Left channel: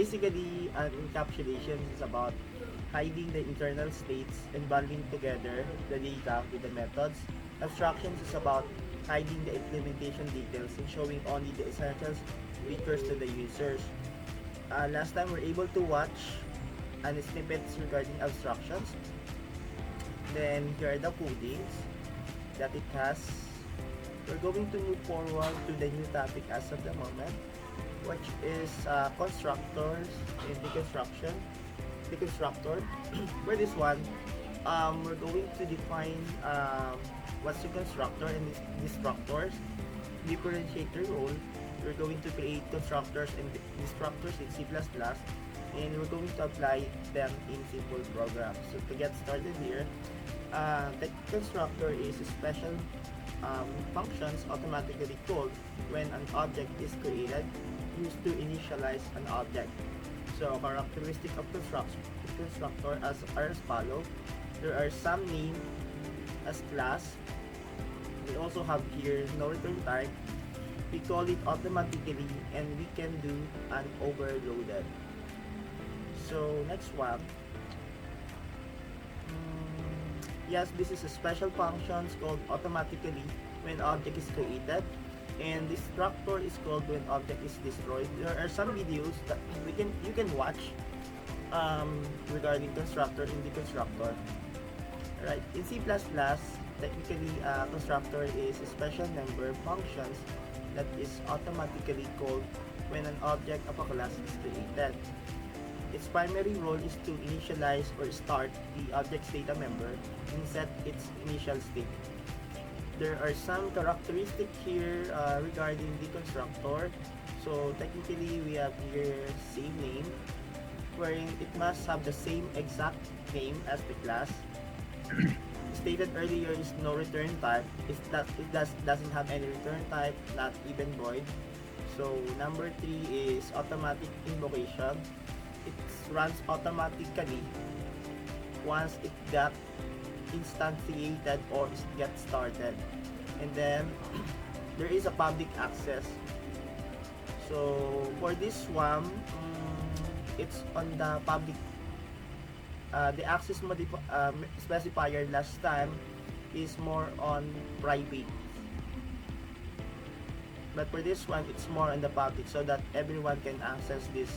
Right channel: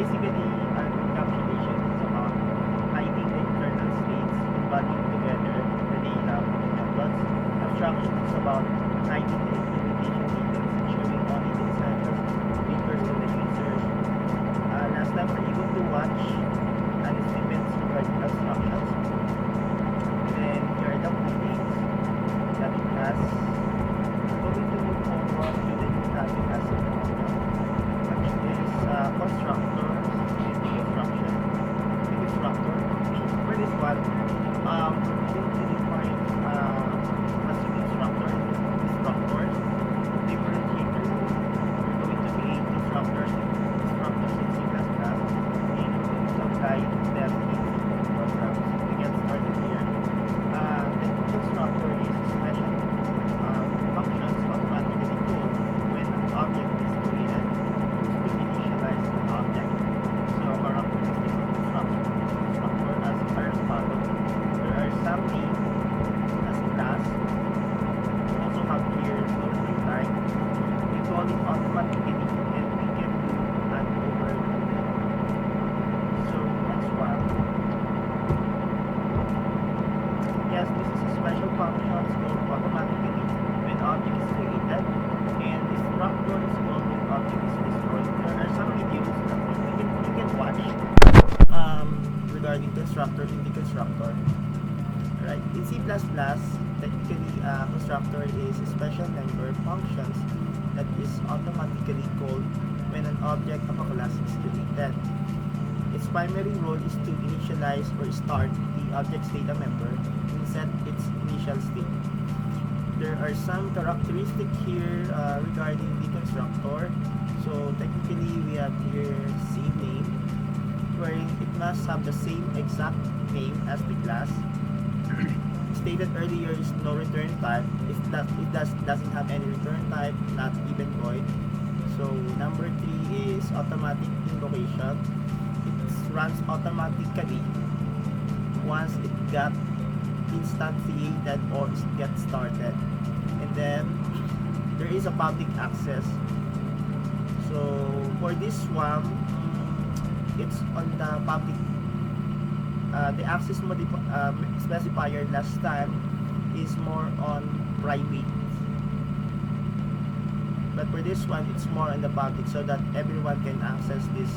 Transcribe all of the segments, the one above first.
basically, an encapsulation is about hiding the internal states and bundling together the data with the methods. Abstraction is about hiding the implementation details and showing only the essentials precursors to the users. Last time we're able to watch an estimates regarding abstractions. Then here are the codings that it has. We're going to move forward to the new topic as of the moment, which is constructors and deconstruction. Deconstructor. For this one, we're going to define what's the constructor and destructors. Differentiate their role. We're going to create constructors and destructors in C++, and we're going to apply them in simple programs. So to get started here, the constructor is special functions automatically called when an object is created used to initialize an object. So characteristic of constructor are as follows. There are some named as class. We also have here no return type. We call it automatically and we can do an overloaded. So next one. Yes, this is a special function called automatically when object is created, and destructor is called when object is destroyed. There are some videos that you can watch regarding constructor and deconstructor. Alright, in C++, technically constructor is a special member functions that is automatically called when an object of a class is created. Its primary role is to initialize or start the object's data member and set its initial state. There are some characteristics here regarding the constructor. So technically we have here same name, wherein it must have the same exact name as the class. Stated earlier is no return type. Doesn't have any return type, not even void. So number 3 is automatic invocation. It runs automatically once it got instantiated or get started, and then there is a public access. So for this one, it's on the public. The access specifier last time is more on private, but for this one it's more on the public so that everyone can access this.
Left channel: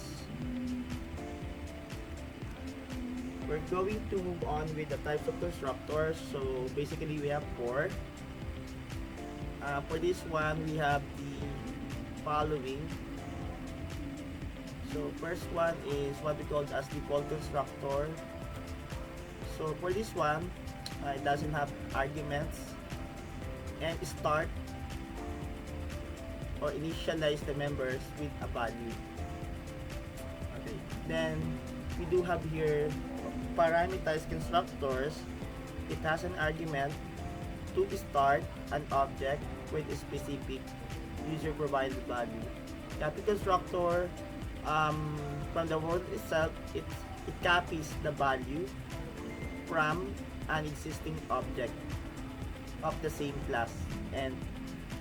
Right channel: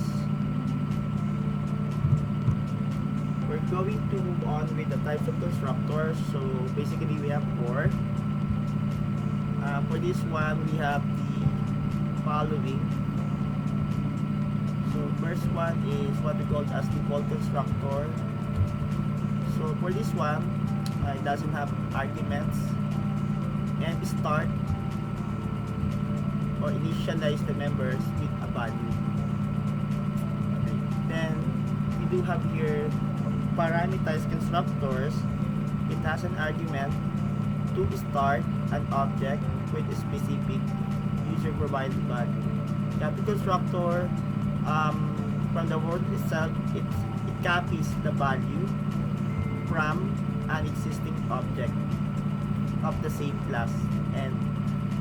We're going to move on with the types of constructors. So basically we have 4. For this one we have the following. So first one is what we call as default constructor. So for this one, it doesn't have arguments and start or initialize the members with a value. Okay. Then we do have here parameterized constructors. It has an argument to start an object with a specific user provided value. Copy constructor, from the word itself, it copies the value from an existing object of the same class. And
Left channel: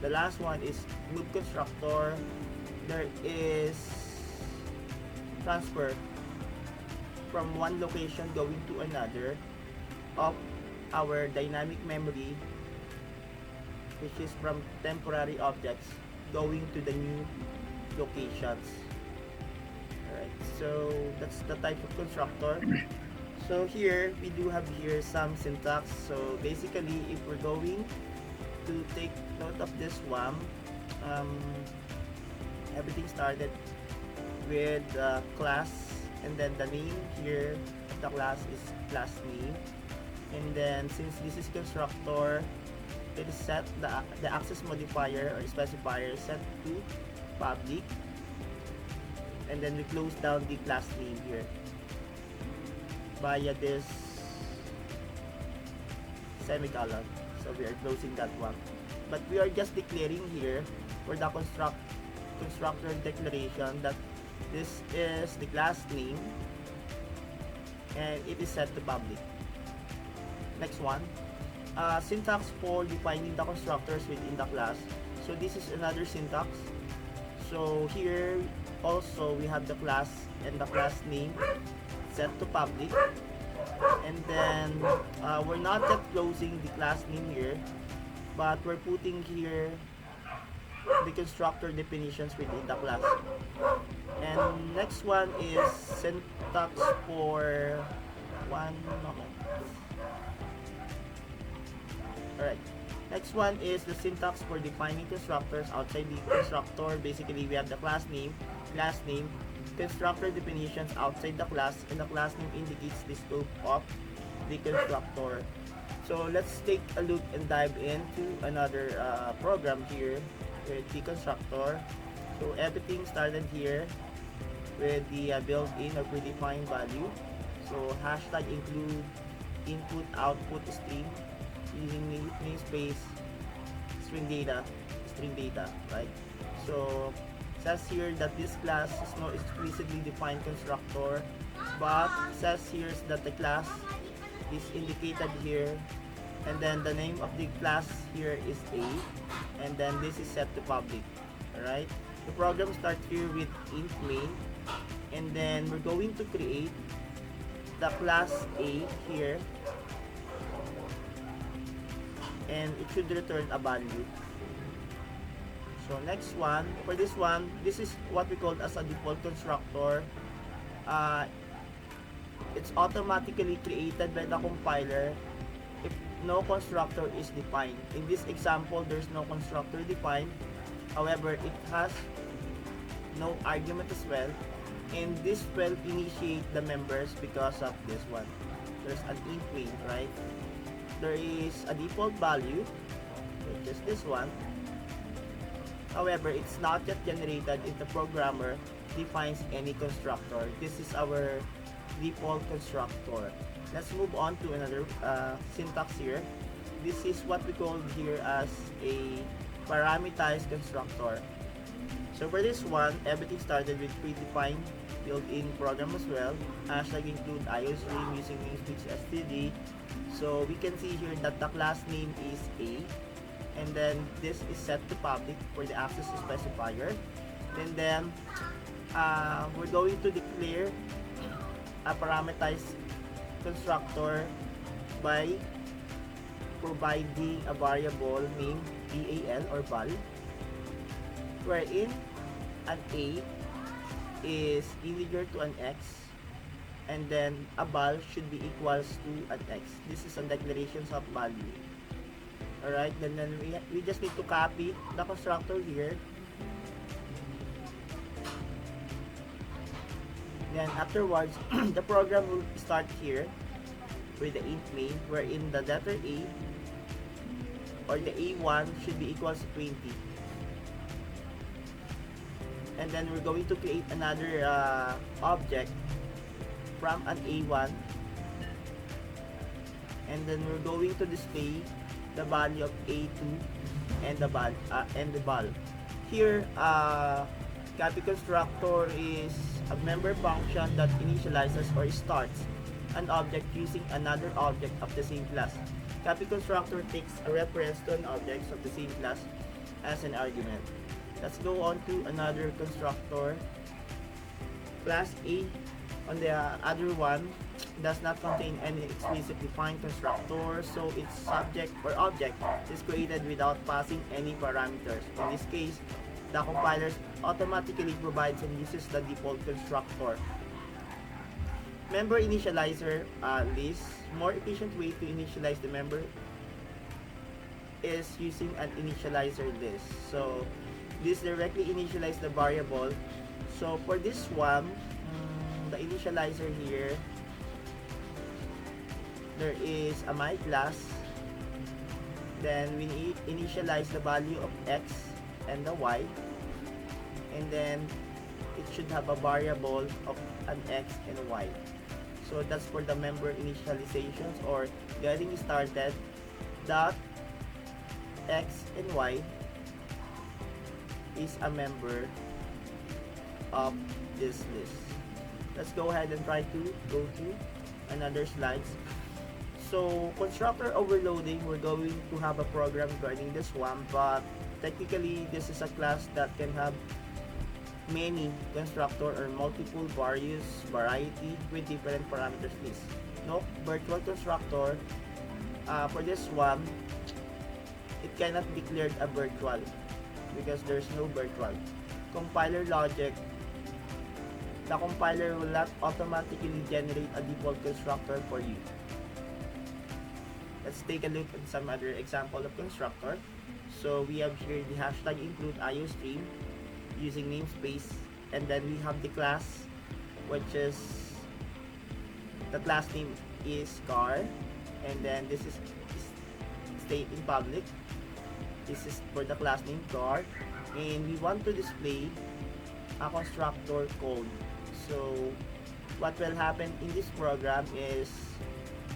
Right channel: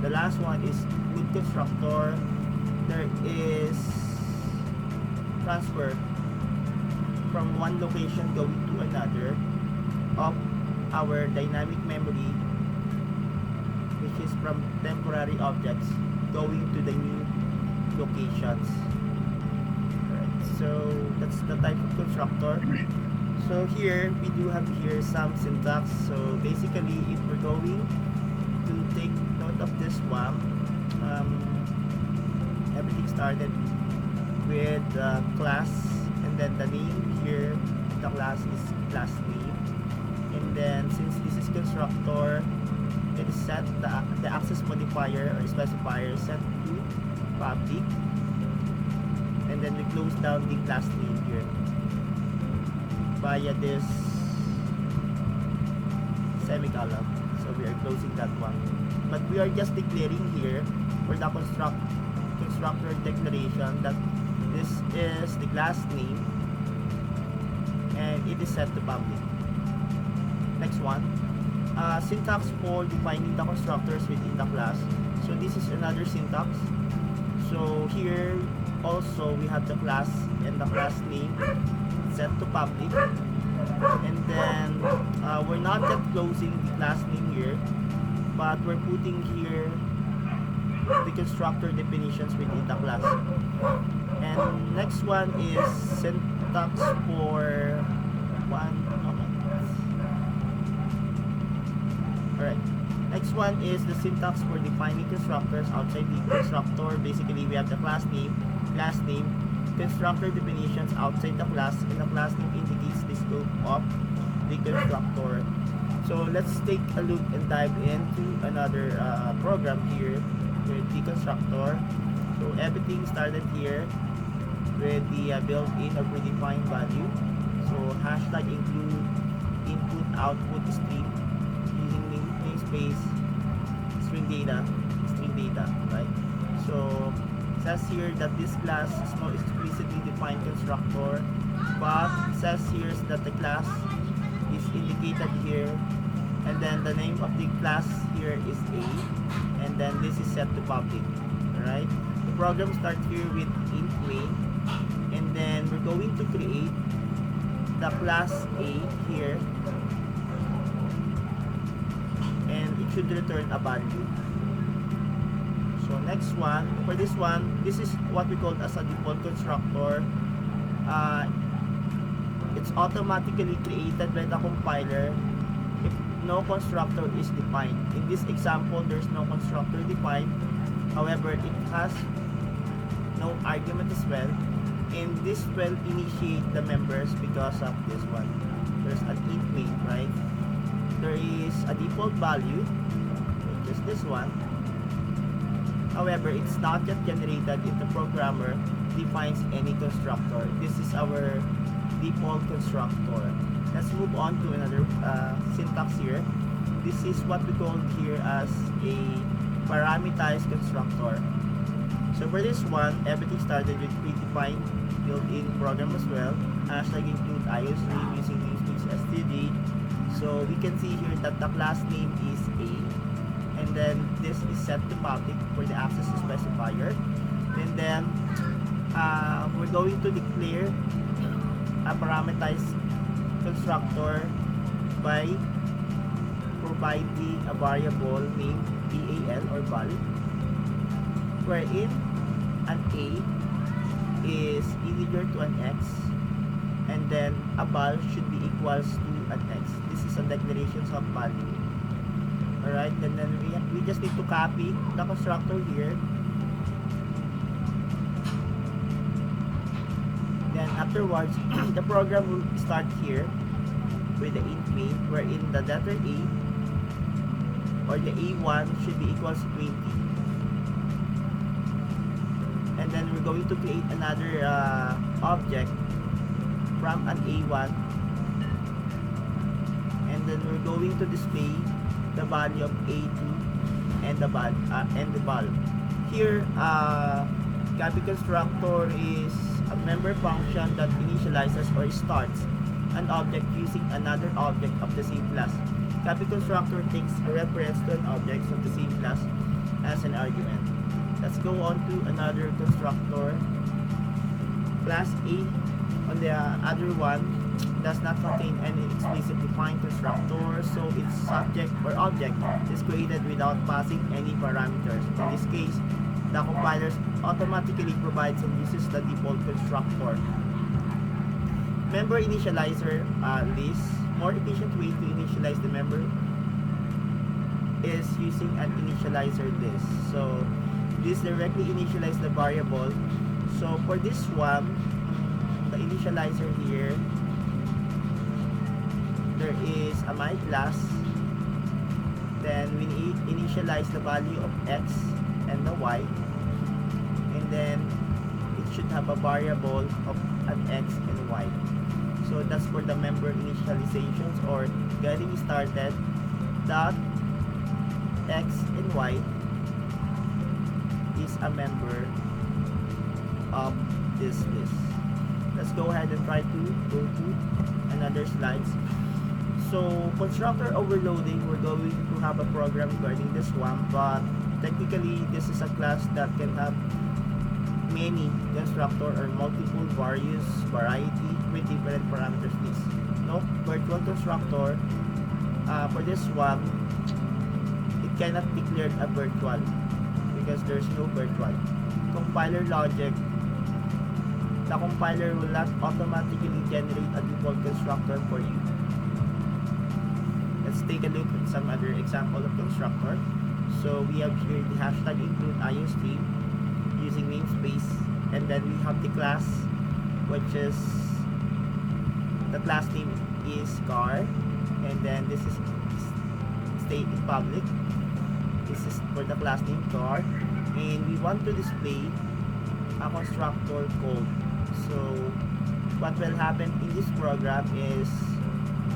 the last one is loop constructor. There is transfer from one location going to another of our dynamic memory, which is from temporary objects going to the new locations. Alright, so that's the type of constructor. So here we do have here some syntax. So basically if we're going to take note of this one, everything started with class, and then the name here of the class is class name, and then since this is constructor, it is set the access modifier or specifier set to public, and then we close down the class name here via this semicolon. So we are closing that one, but we are just declaring here for the constructor declaration that this is the class name and it is set to public. Next one, syntax for defining the constructors within the class. So this is another syntax. So here also we have the class and the class name set to public. And then we're not yet closing the class name here, but we're putting here the constructor definitions within the class. And next one is syntax for one moment. Alright. Next one is the syntax for defining constructors outside the constructor. Basically, we have the class name, constructor definitions outside the class, and the class name indicates the scope of the constructor. So let's take a look and dive into another program here with the constructor. So everything started here with the built-in or predefined value. So hashtag include input output stream using namespace string data, right? So it says here that this class is no explicitly defined constructor, but it says here that the class is indicated here, and then the name of the class here is A, and then this is set to public. Alright, the program starts here with int main, and then we're going to create the class A here, and it should return a value. So next one, for this one, this is what we call as a default constructor. It's automatically created by the compiler if no constructor is defined. In this example, there's no constructor defined. However, it has no argument as well, and this will initiate the members because of this one. There's an int main, right? There is a default value, which is this one. However, it's not yet generated if the programmer defines any constructor. This is our default constructor. Let's move on to another syntax here. This is what we call here as a parameterized constructor. So for this one, everything started with predefined built-in program as well. Hashtag include iostream using namespace std. So we can see here that the class name is A, and then this is set to public for the access specifier. And then we're going to declare a parameterized constructor by providing a variable named bal or val, wherein an A is integer to an x, and then a val should be equals to an x. This is a declaration of value. Alright, then we just need to copy the constructor here. Then afterwards, the program will start here with the int main, wherein the letter A or the A1 should be equals to 20. And then we're going to create another object from an A1, and then we're going to display the value of A2 and the val. Here, copy constructor is a member function that initializes or starts an object using another object of the same class. Copy constructor takes a reference to an object of the same class as an argument. Let's go on to another constructor. Class A on the other one does not contain any explicit defined constructor, so its subject or object is created without passing any parameters. In this case, the compiler automatically provides and uses the default constructor. Member initializer list. More efficient way to initialize the member is using an initializer list. So this directly initializes the variable. So for this one, the initializer here, there is a my class, then we initialize the value of x and the y, and then it should have a variable of an x and y. So that's for the member initializations or getting started. Dot x and y is a member of this list. Let's go ahead and try to go to another slides. So constructor overloading, we're going to have a program regarding this one, but technically this is a class that can have many constructor or multiple various variety with different parameters list. No, virtual constructor, for this one, it cannot declare a virtual because there's no virtual. Compiler logic, the compiler will not automatically generate a default constructor for you. Let's take a look at some other example of constructor. So we have here the hashtag include IOStream using namespace, and then we have the class, which is the class name is car, and then this is state in public. This is for the class name car, and we want to display a constructor code. So what will happen in this program is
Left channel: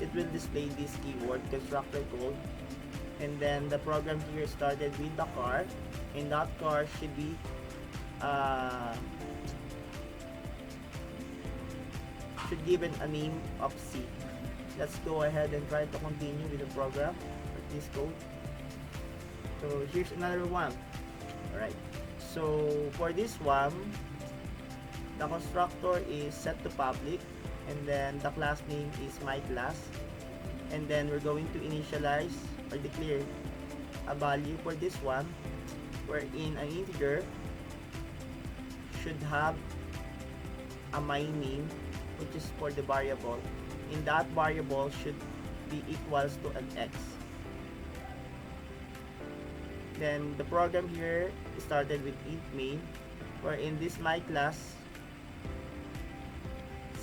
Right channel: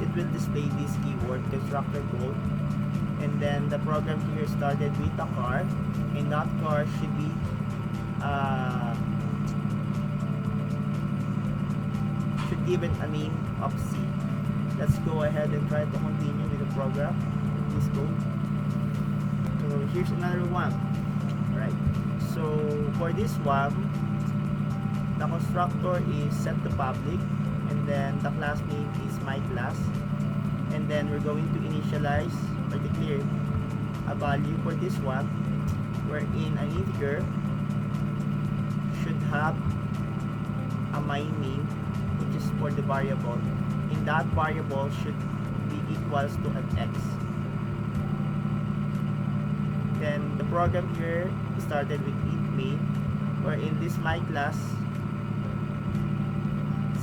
it will display this keyword constructor code, and then the program here started with a car, and that car should be given a name of C. Let's go ahead and try to continue with the program with this code. So here's another one. Alright, so for this one, the constructor is set to public, and then the class name is my class, and then we're going to initialize or declare a value for this one, wherein an integer should have a my name, which is for the variable, and that variable should be equals to an x. Then the program here started with int main, wherein this my class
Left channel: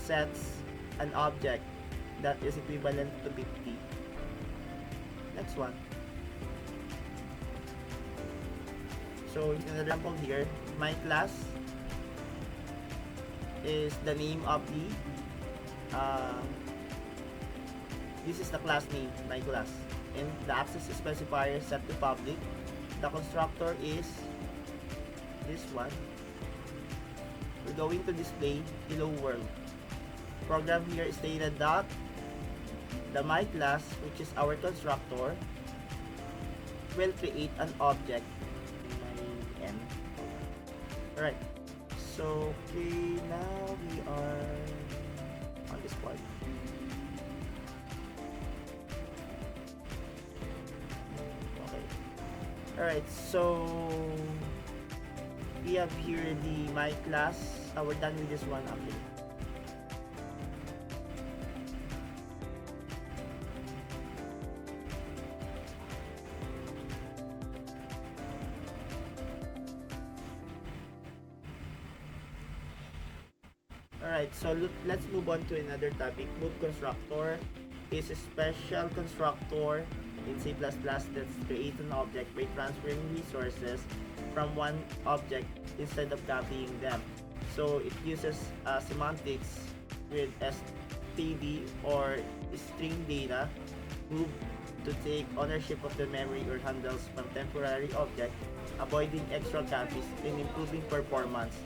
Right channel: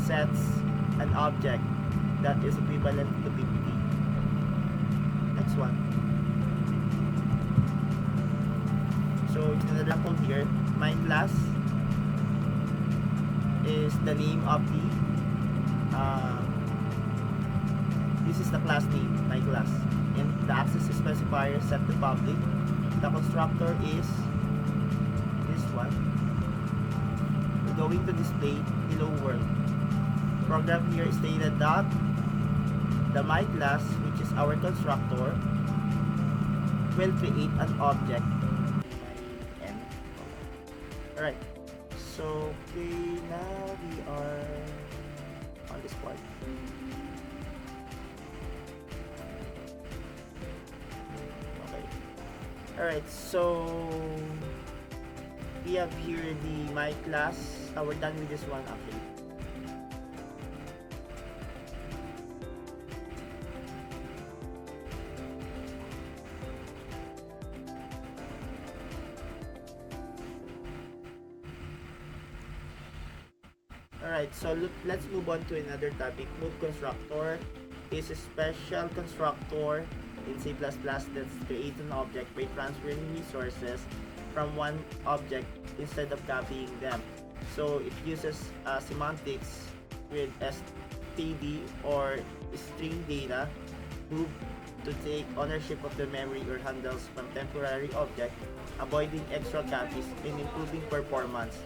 sets an object that is equivalent to 50. Next one. So in another example here, my class is the name of the this is the class name, my class, and the access specifier set to public. The constructor is this one. We're going to display hello world. Program here stated that the my class, which is our constructor, will create an object. My n. Alright, so okay, now we are on this part. Okay. Alright, so we have here the my class. We're done with this one actually. Alright, so let's move on to another topic. Move constructor is a special constructor in C++ that creates an object by transferring resources from one object instead of copying them. So it uses semantics with std or string data move to take ownership of the memory or handles from temporary object, avoiding extra copies and improving performance.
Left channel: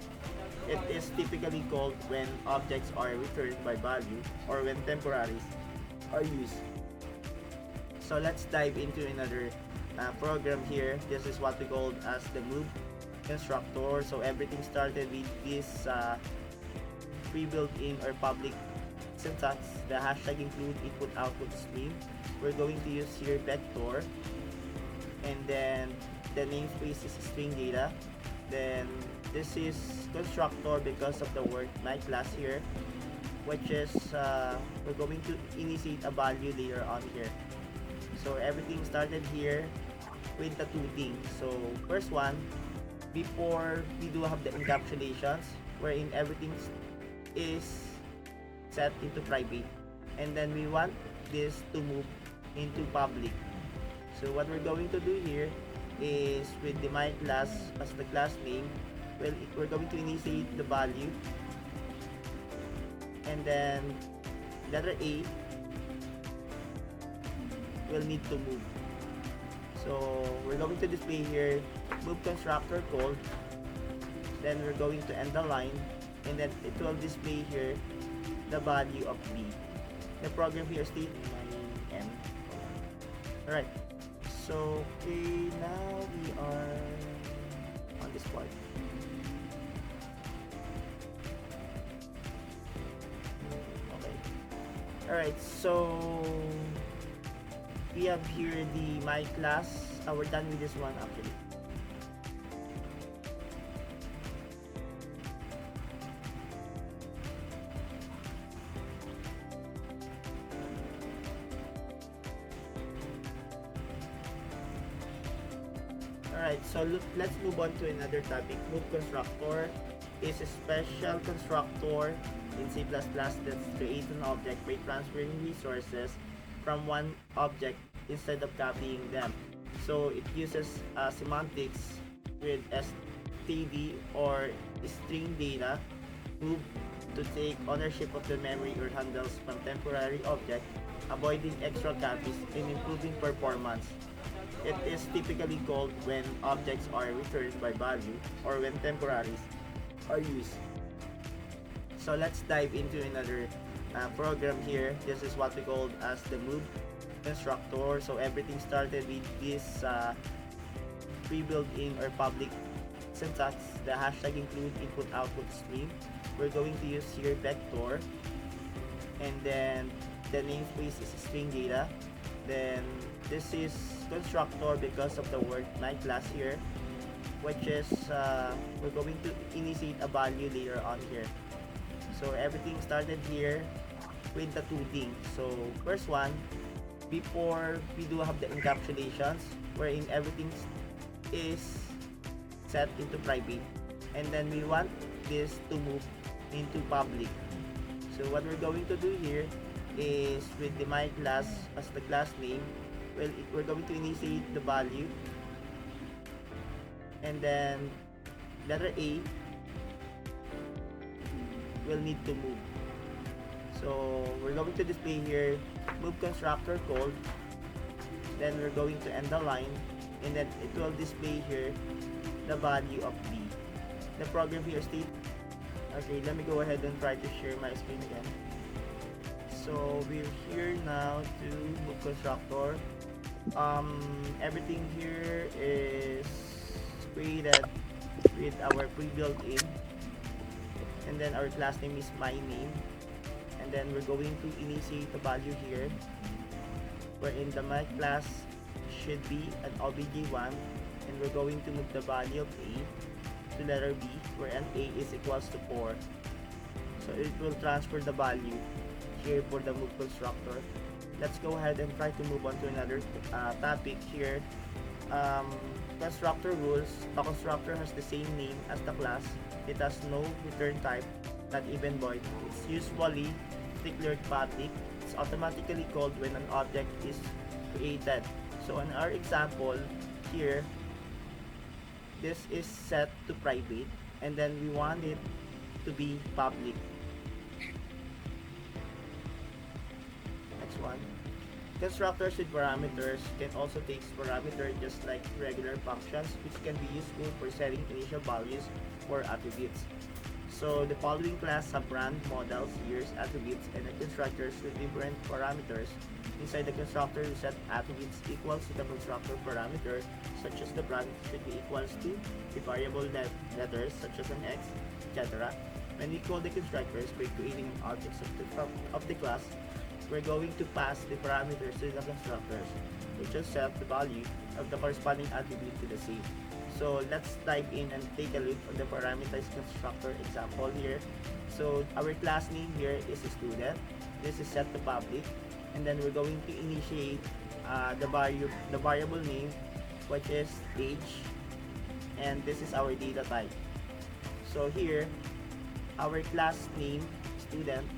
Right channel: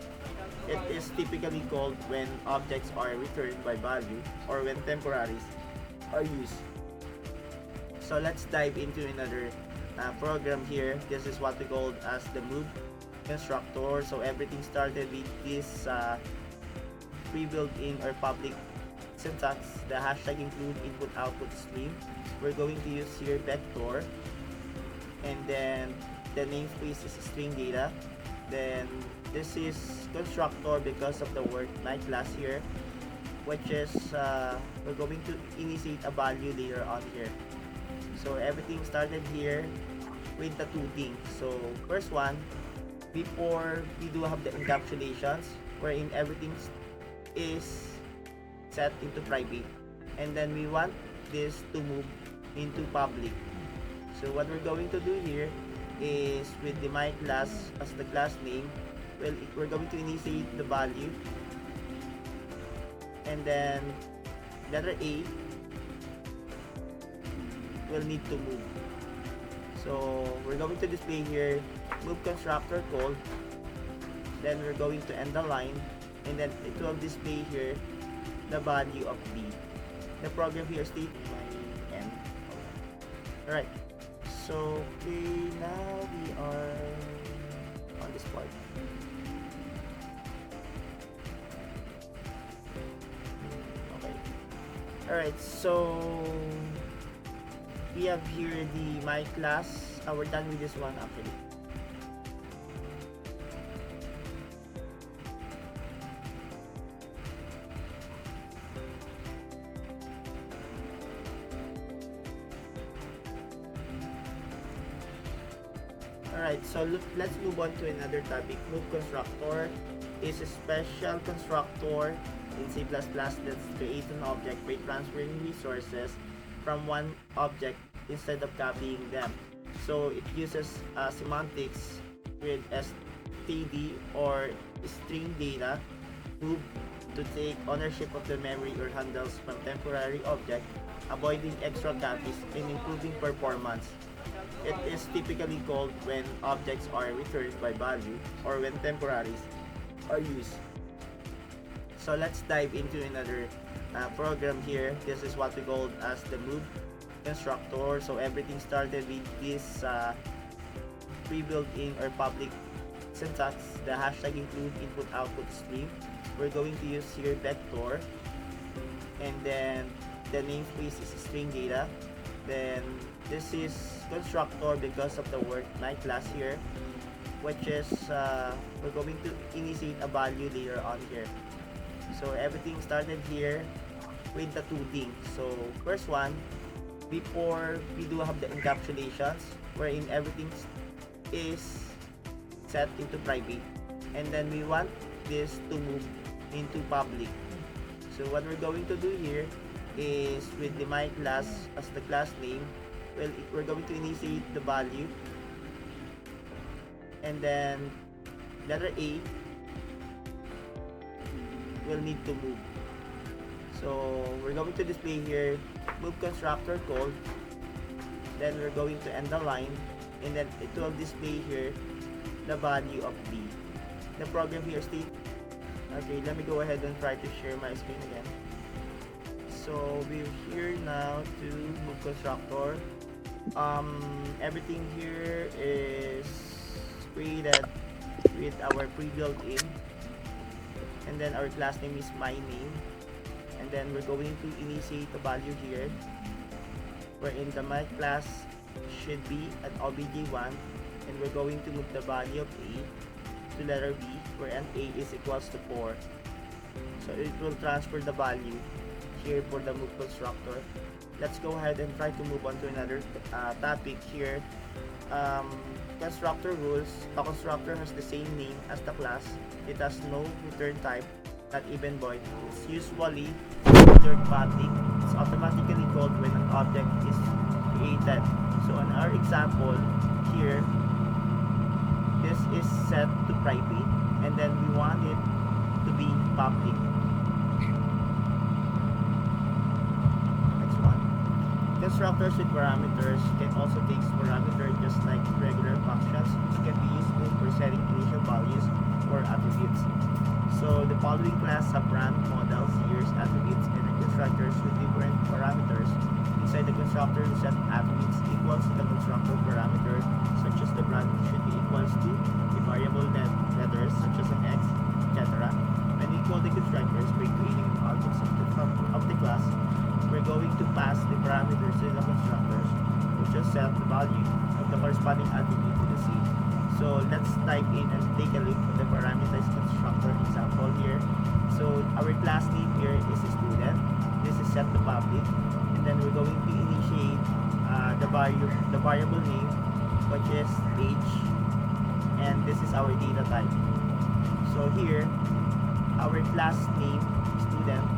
It is typically called when objects are returned by value or when temporaries are used. So let's dive into another program here. This is what we call as the move constructor. So everything started with this pre-built in or public syntax. The hashtag include input output stream. We're going to use here vector, and then the namespace is string data. Then this is constructor because of the word my class here, which is we're going to initiate a value later on here. So everything started here with the two things. So first one, before we do have the encapsulations, wherein everything is set into private, and then we want this to move into public. So what we're going to do here is with the my class as the class name, well, we're going to initiate the value, and then letter A will need to move. So we're going to display here move constructor called, then we're going to end the line, and then it will display here the value of B. The program here states my n. Alright, so okay, now we are on this part. Alright, so we have here the my class. We're done with this one actually. Alright, so let's move on to another topic. Move constructor is a special constructor in C++ that's create an object by transferring resources from one object instead of copying them. So it uses semantics with std or string data move to take ownership of the memory or handles from temporary object, avoiding extra copies and improving performance. It is typically called when objects are returned by value or when temporaries are used. So let's dive into another program here. This is what we call as the move constructor. So everything started with this pre-built in or public syntax. The hashtag include input output stream. We're going to use here vector, and then the namespace is string data. Then this is constructor because of the word my class here, which is we're going to initiate a value later on here. So everything started here with the two things. So first one, before we do have the encapsulations wherein everything is set into private, and then we want this to move into public. So what we're going to do here is with the my class as the class name, well, we're going to initiate the value, and then letter A will need to move. So we're going to display here move constructor called, then we're going to end the line, and then it will display here the value of B. The program here states, okay, let me go ahead and try to share my screen again. So we're here now to move constructor. Everything here is created with our pre-built in, and then our class name is my name, and then we're going to initiate the value here wherein the my class should be an obj1, and we're going to move the value of A to letter B wherein A is equals to 4. So it will transfer the value here for the move constructor. Let's go ahead and try to move on to another topic here. Constructor rules. The constructor has the same name as the class. It has no return type, not even void. It's usually considered public. It's automatically called when an object is created. So in our example here, this is set to private, and then we want it to be public. Next one. Constructors with parameters can also take parameter just like regular functions, which can be useful for setting initial values or attributes. So the following class have brand, models, years, attributes, and the constructors with different parameters. Inside the constructor, we set attributes equals to the constructor parameter, such as the brand should be equals to the variable letters such as an X, etc. When we call the constructors by creating an object of the class, we're going to pass the parameters to the constructors, which will set the value of the corresponding attribute to the same. So let's type in and take a look at the parameterized constructor example here. So our class name here is student. This is set to public, and then we're going to initiate the variable name, which is age, and this is our data type. So here, our class name student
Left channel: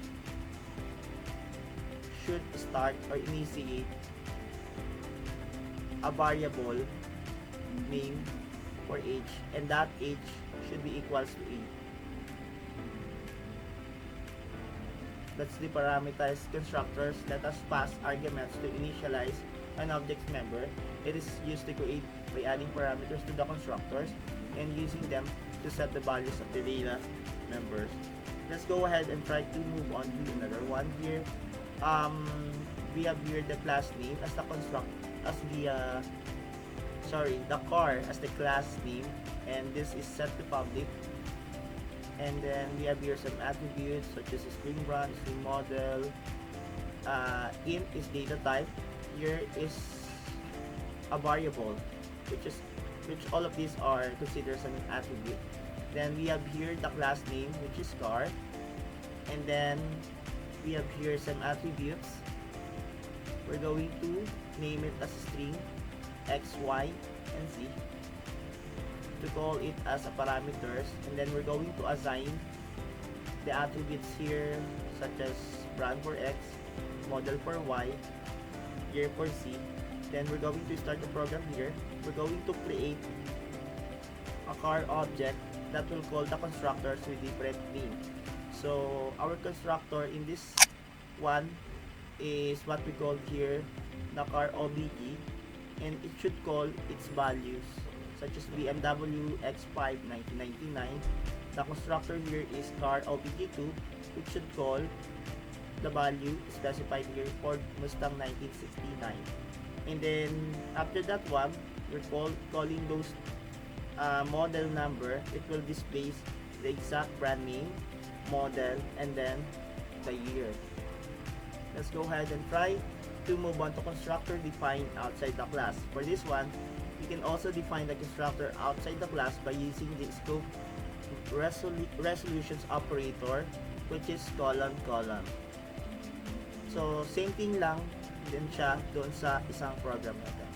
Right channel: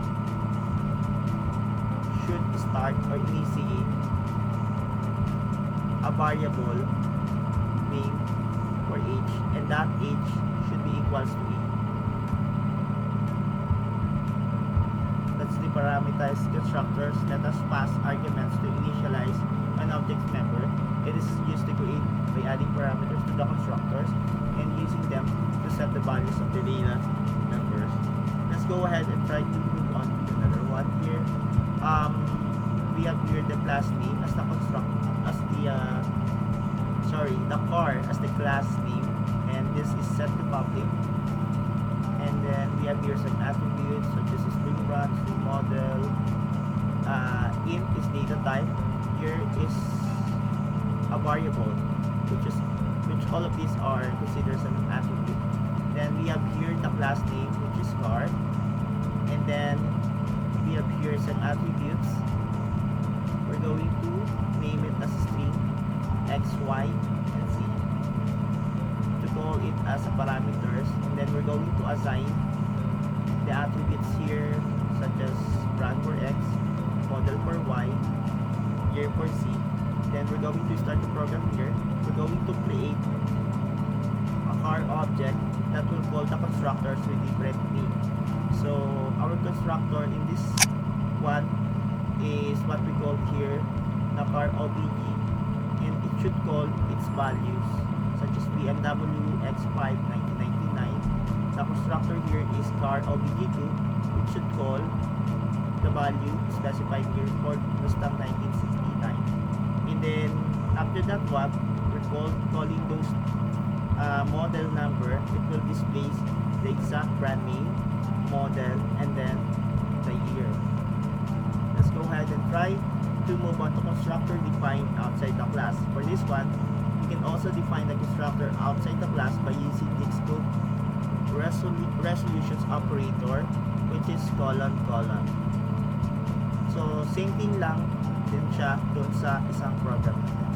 should start or initiate a variable name for age, and that age should be equals to 8. That's the parameterized constructors. Let us pass arguments to initialize an object member. It is used to create by adding parameters to the constructors and using them to set the values of the data members. Let's go ahead and try to move on to another one here. We have here the class name as the the car as the class name, and this is set to public. And then we have here some attributes such as a string run, string model, int is data type. Here is a variable, which all of these are considered as an attribute. Then we have here the class name, which is car, and then we have here some attributes. We're going to name it as a string x, y, and z to call it as a parameters, and then we're going to assign the attributes here, such as brand for x, model for y, year for z. Then we're going to start the program here. We're going to create a car object that will call the constructors with different name. So our constructor in this one is what we call here the car obj, and it should call its values, such as BMW X5 1999. The constructor here is car obj2, which should call the value specified here for Mustang 1969. And then after that one, we're calling those model number. It will display the exact brand name, model, and then the year. Let's go ahead and try to move on to constructor defined outside the class. For this one, you can also define the constructor outside the class by using the scope resolutions operator, which is colon. So same thing lang din siya doon sa isang program natin.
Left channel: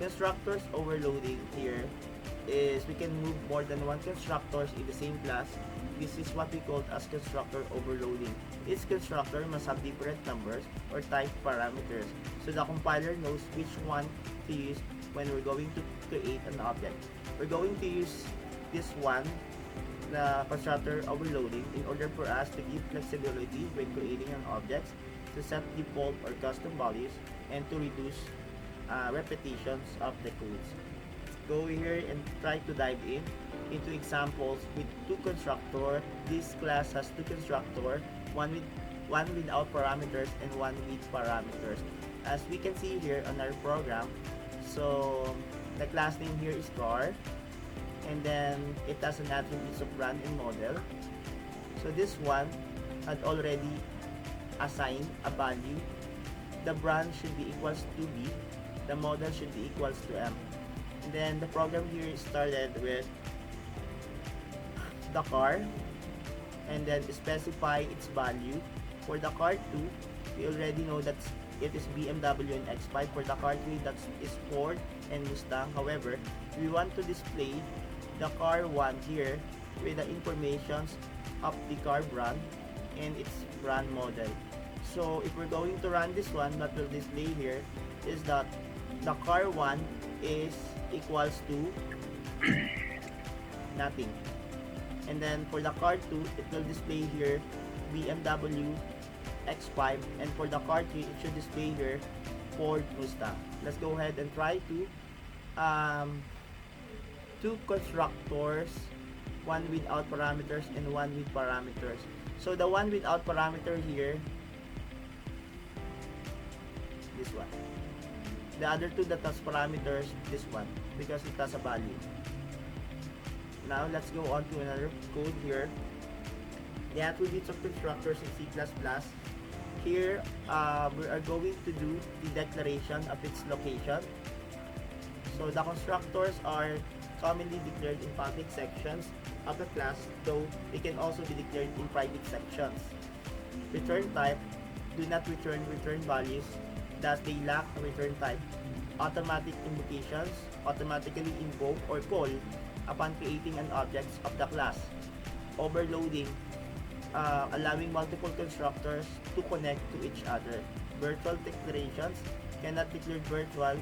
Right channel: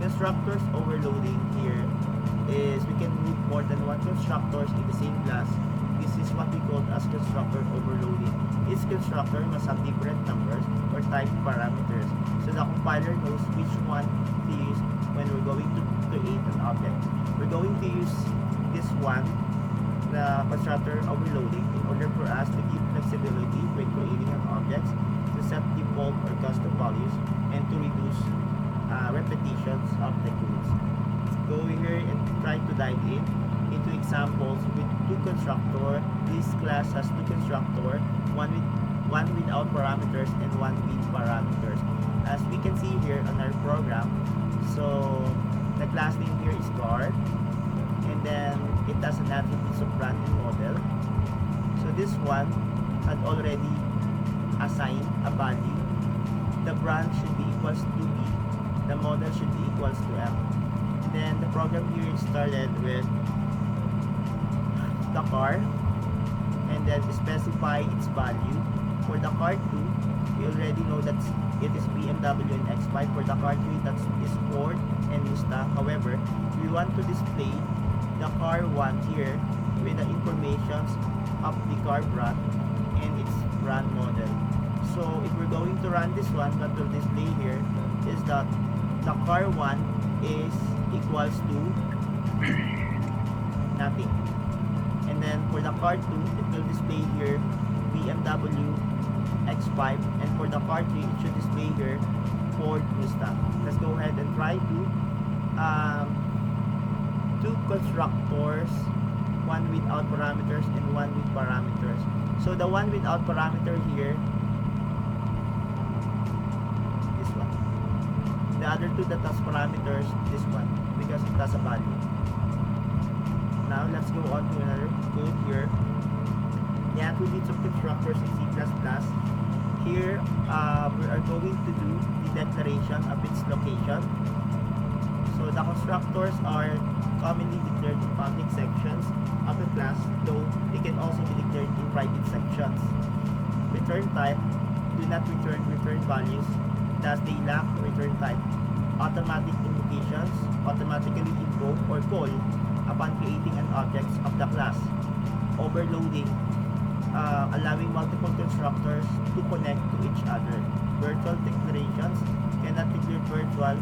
Constructors overloading here is we can move more than one constructors in the same class. This is what we call as constructor overloading. Each constructor must have different numbers or type parameters, so the compiler knows which one to use when we're going to create an object. We're going to use this one, the constructor overloading, in order for us to give flexibility when creating an object, to set default or custom values, and to reduce repetitions of the codes. Go here and try to dive into examples with two constructor. This class has two constructor, one without parameters and one with parameters. As we can see here on our program, so the class name here is car, and then it has an attributes of brand and model. So this one had already assigned a value. The brand should be equals to B, the model should be equals to M. And then the program here started with the car, and then specify its value. For the car 2, we already know that it is BMW and X5. For the car 3, that is Ford and Mustang. However, we want to display the car 1 here with the informations of the car brand and its brand model. So if we're going to run this one, what will display here is that the car 1 is equals to nothing. And then for the car 2, it will display here BMW X5, and for the car 3, it should display here Ford Mustang. Let's go ahead and try to two constructors, one without parameters and one with parameters. So the one without parameter here, this one. The other two that has parameters, this one, because it has a value. Now let's go on to another code here. The attributes of constructors in C++. Here we are going to do the declaration of its location. So the constructors are commonly declared in public sections of a class, though they can also be declared in private sections. Return type: do not return values, thus they lack return type. Automatic invocations: automatically invoke or call upon creating an object of the class. Overloading: allowing multiple constructors to connect to each other. Virtual declarations: cannot declare virtual,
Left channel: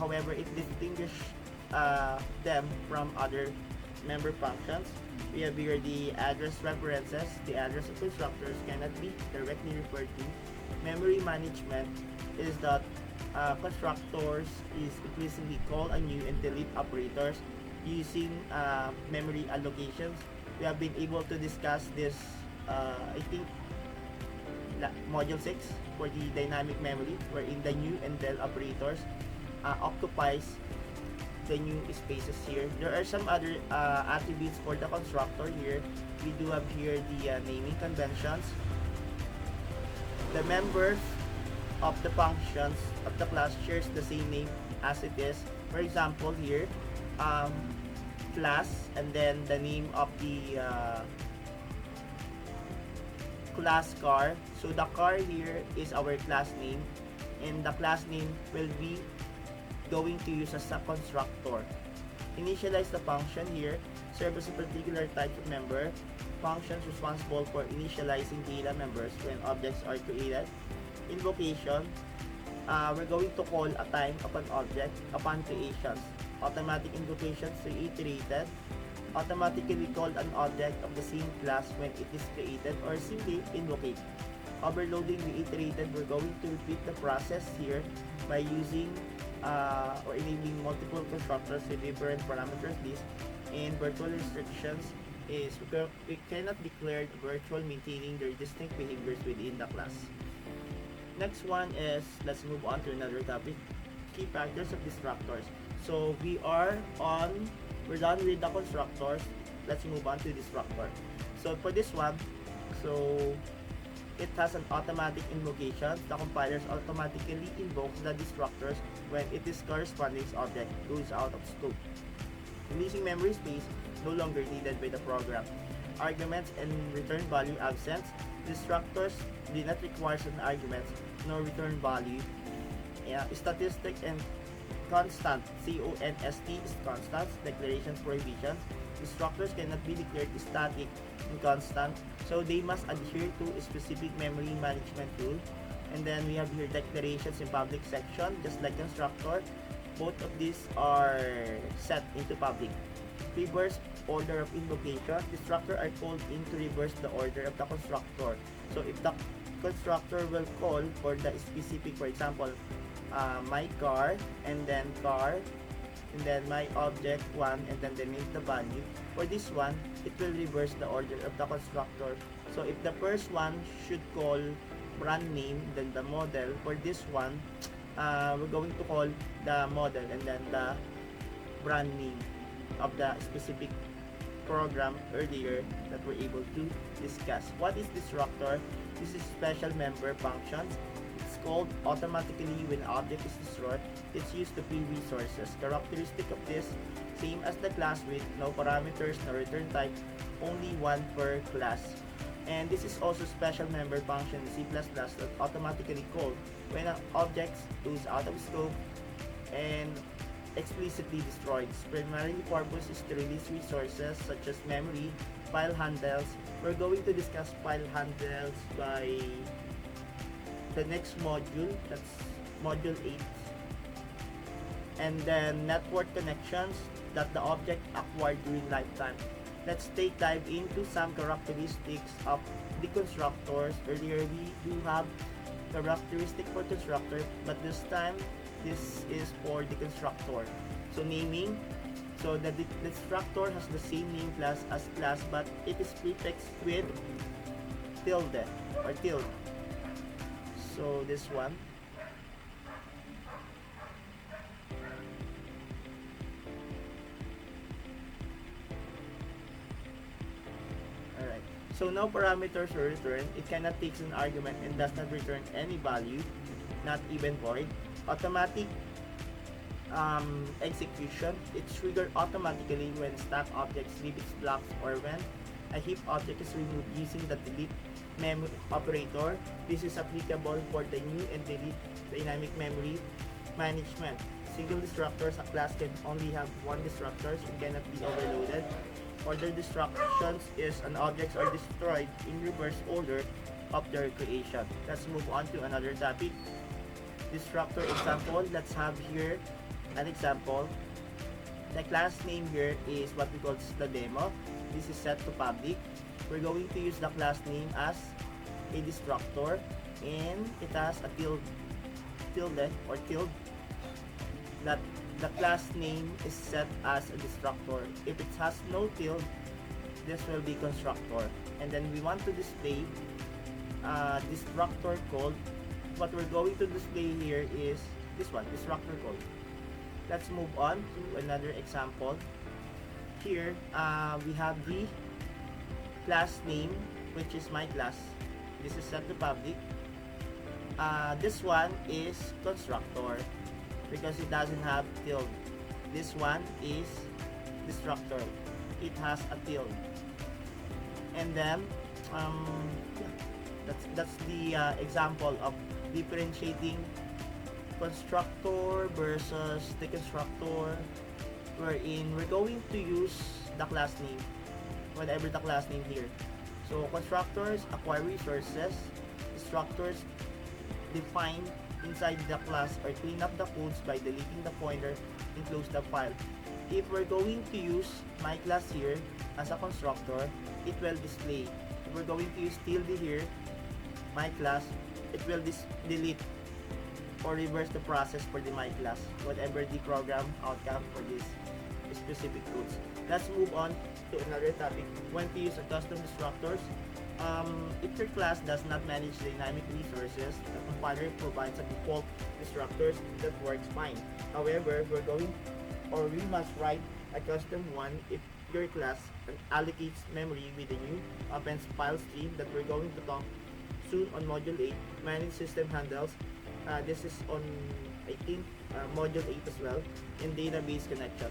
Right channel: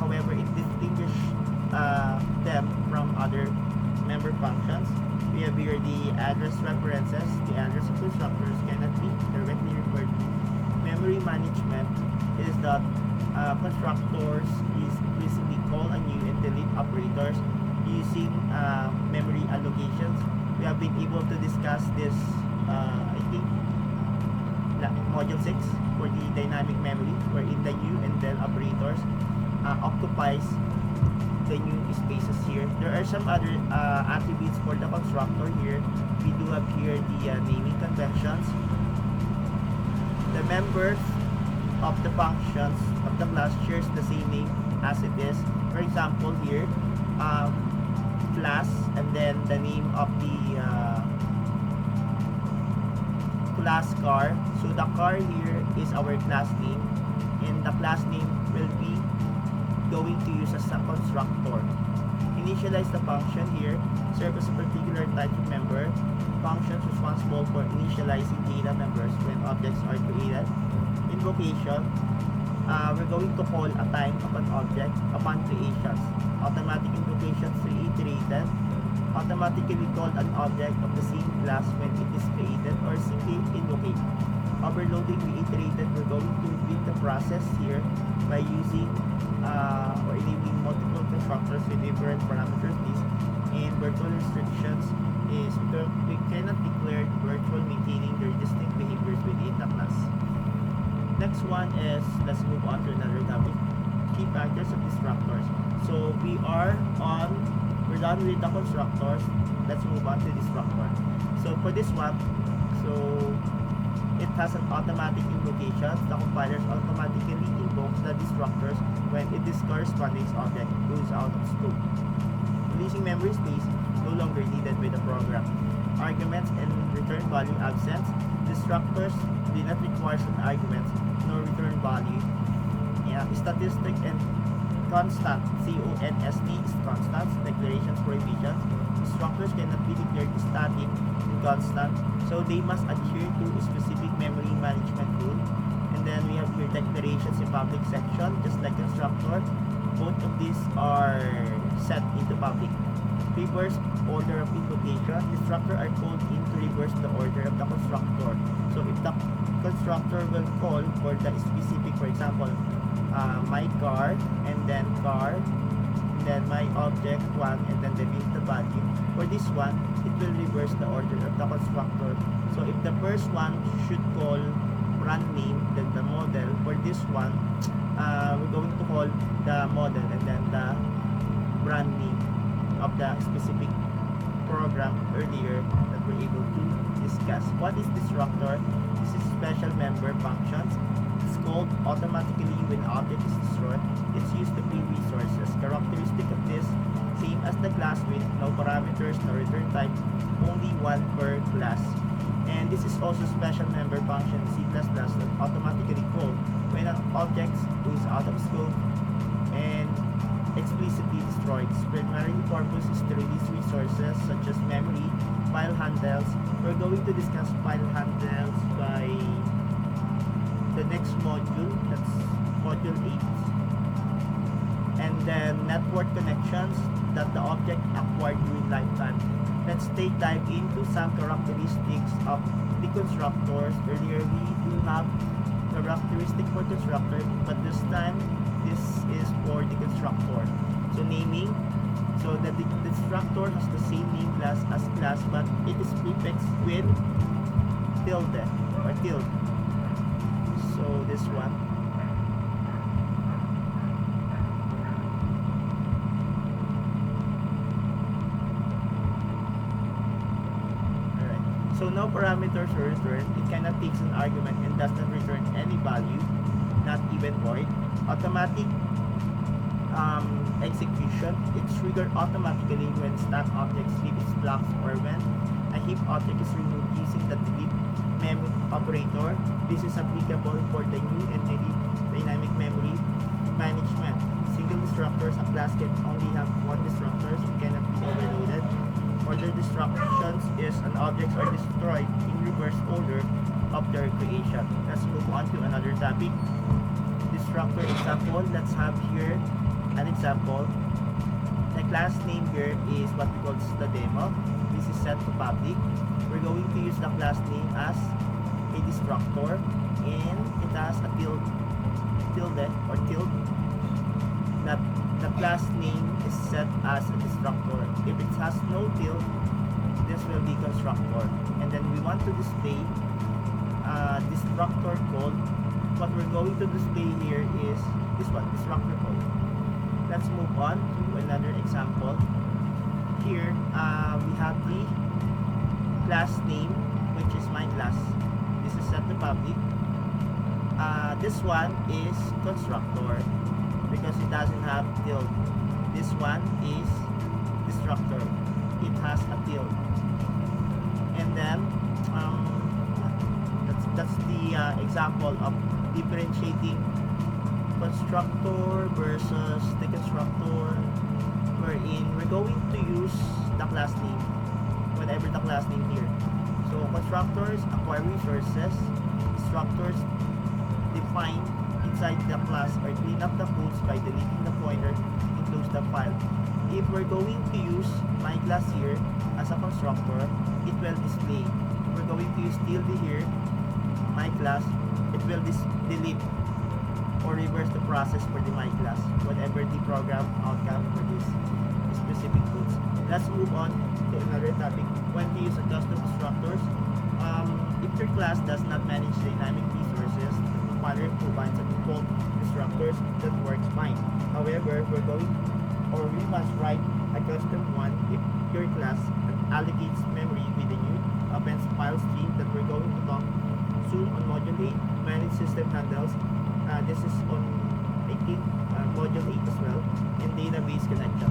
however it distinguishes them from other member functions. We have here the address references. The address of constructors cannot be directly referred to. Memory management is that constructors is increasingly call a new and delete operators using memory allocations. We have been able to discuss this I think module 6 for the dynamic memory, wherein the new and del operators occupies the new spaces here. There are some other attributes for the constructor here. We do have here the naming conventions. The members of the functions of the class shares the same name as it is. For example, here, um, class, and then the name of the class car. So the car here is our class name, and the class name will be going to use as a constructor. Initialize the function here serve as a particular type of member. Functions responsible for initializing data members when objects are created. Invocation, we're going to call a time of an object upon creation. Automatic invocations reiterated. Automatically called an object of the same class when it is created, or simply invocate. Overloading reiterated, we're going to repeat the process here by using or enabling multiple constructors with different parameters list. And virtual restrictions is we cannot declare virtual maintaining their distinct behaviors within the class. Next one is, let's move on to another topic, key factors of destructors. So we're done with the constructors. Let's move on to destructor. So for this one, so it has an automatic invocation. The compilers automatically invokes the destructors when its corresponding object goes out of scope. Releasing memory space no longer needed by the program. Arguments and return value absence. Destructors do not require an arguments nor return value. Statistic and constant, CONST is constant. Declarations prohibitions. Destructors cannot be declared static and constant, so they must adhere to a specific memory management rule. And then we have here declarations in public section, just like constructor. Both of these are set into public. Reverse order of invocation. Destructor are called in to reverse the order of the constructor. So if the constructor will call for the specific, for example, my car, and then car, and then my object 1, and then the name the value. For this one, it will reverse the order of the constructor. So if the first one should call brand name, then the model. For this one, we're going to call the model and then the brand name of the specific program earlier that we're able to discuss. What is destructor? This is special member functions. It's called automatically when object is destroyed. It's used to free resources. Characteristic of this, same as the class with no parameters, no return type, only one per class. And this is also special member function in C++ that automatically called when an object goes out of scope and explicitly destroyed. Its primary purpose is to release resources such as memory, file handles. We're going to discuss file handles by the next module, that's module 8. And then network connections that the object acquired during lifetime. Let's dive into some characteristics of the constructors. Earlier we do have characteristic for constructor, but this time this is for the constructor. So naming, so that the constructor has the same name class as class, but it is prefixed with tilde or tilde. So this one. Alright. So no parameters are returned. It cannot take an argument and does not return any value, not even void. Automatic execution. It's triggered automatically when stack objects leave its blocks or when a heap object is removed using the delete mem operator. This is applicable for the new entity dynamic memory management. Single destructors, a class can only have one destructor and cannot be overloaded. Order destructions is an objects are destroyed in reverse order of their creation. Let's move on to another topic. Destructor example. Let's have here an example. The class name here is what we call the demo. This is set to public. We're going to use the class name as a destructor, and it has a tilde or tilde. That the class name is set as a destructor. If it has no tilde, this will be constructor. And then we want to display destructor code. What we're going to display here is this one, destructor code. Let's move on to another example. Here we have the class name, which is my class. This is set to public. This one is constructor because it doesn't have tilde. This one is destructor. It has a tilde. And then that's the example of differentiating constructor versus deconstructor, wherein we're going to use the class name, whatever the class name here. So constructors acquire resources, destructors define inside the class or clean up the codes by deleting the pointer and close the file. If we're going to use my class here as a constructor, it will display. If we're going to use tilde here, my class, it will delete or reverse the process for the my class, whatever the program outcome for this specific codes. Let's move on to another topic, when to use a custom constructors. If your class does not manage dynamic resources, the compiler provides a default constructors that works fine. However, we're going or we must write a custom one if your class allocates memory with the new appends file stream that we're going to talk soon on module 8, manage system handles. This is on, I think, module 8 as well, and database connection.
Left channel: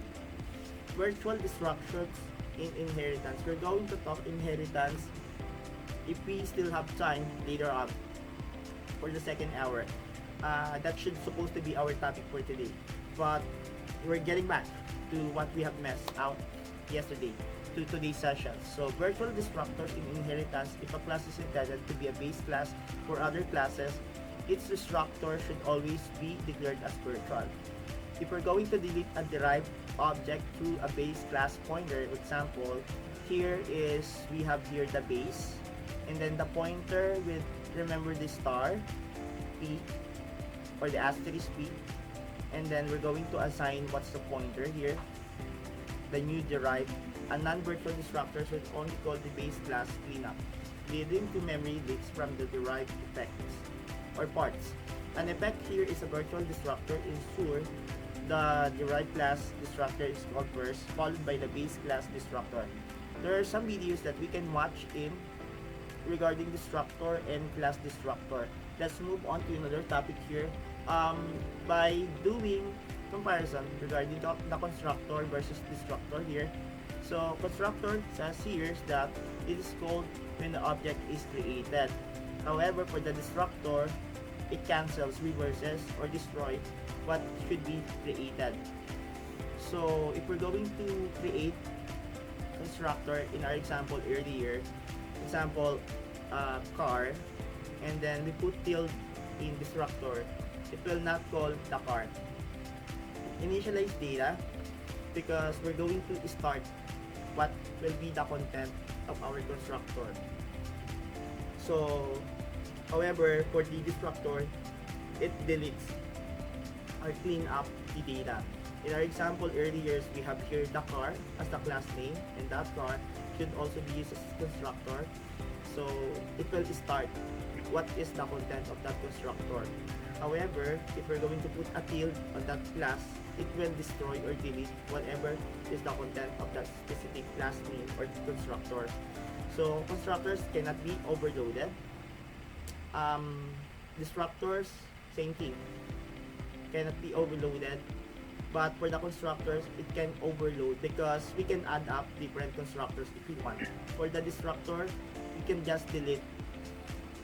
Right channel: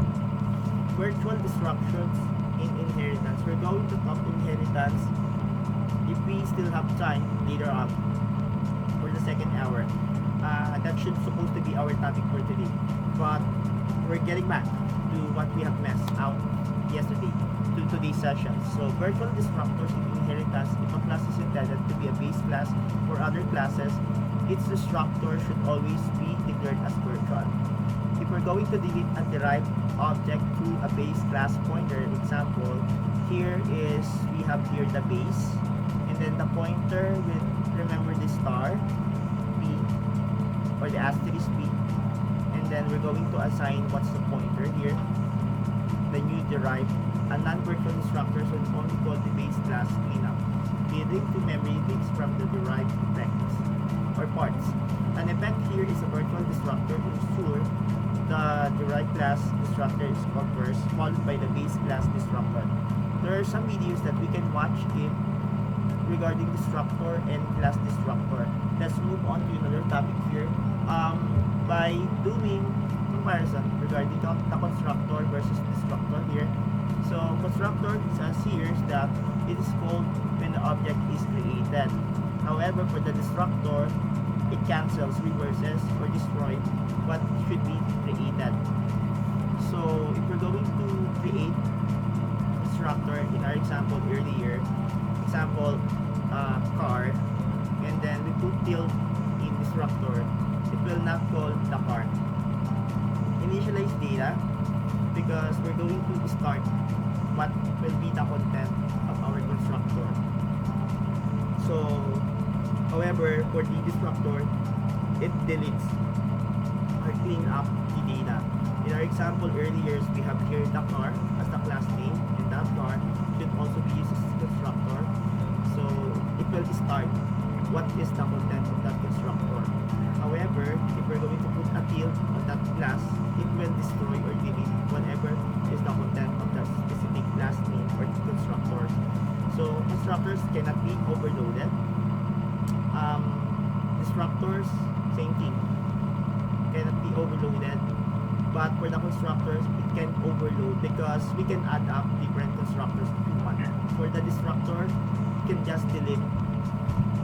Virtual instructions in inheritance. We're going to talk inheritance if we still have time later on for the second hour. That should supposed to be our topic for today, but we're getting back to what we have messed out yesterday to today's session. So virtual destructors in inheritance. If a class is intended to be a base class for other classes, its destructor should always be declared as virtual. If we're going to delete a derived object through a base class pointer, example, here is, we have here the base, and then the pointer with, remember the star, P, or the asterisk P, and then we're going to assign what's the pointer here, the new derived. A non-virtual destructor should only call the base class cleanup, leading to memory leaks from the derived effects or parts. An effect here is a virtual destructor to ensure the derived class destructor is called first, followed by the base class destructor. There are some videos that we can watch in regarding destructor and class destructor. Let's move on to another topic here. By doing comparison regarding the constructor versus destructor here. So constructor says here that it is called when the object is created. However, for the destructor, it cancels, reverses, or destroys what should be created. So if we're going to create constructor in our example earlier, example car, and then we put tilde in destructor, it will not call the car. Initialize data because we're going to start what will be the content of our constructor. So however, for the destructor, it deletes or clean up the data. In our example earlier, we have here the car as the class name, and that car should also be used as constructor. So it will start what is the content of that constructor. However, if we're going to put a tilde on that class, it will destroy or delete whatever is the content of that specific class name or constructor. So constructors cannot be overloaded. Destructors, same thing, cannot be overloaded. But for the constructors, it can overload because we can add up different constructors if we want. For the destructor, you can just delete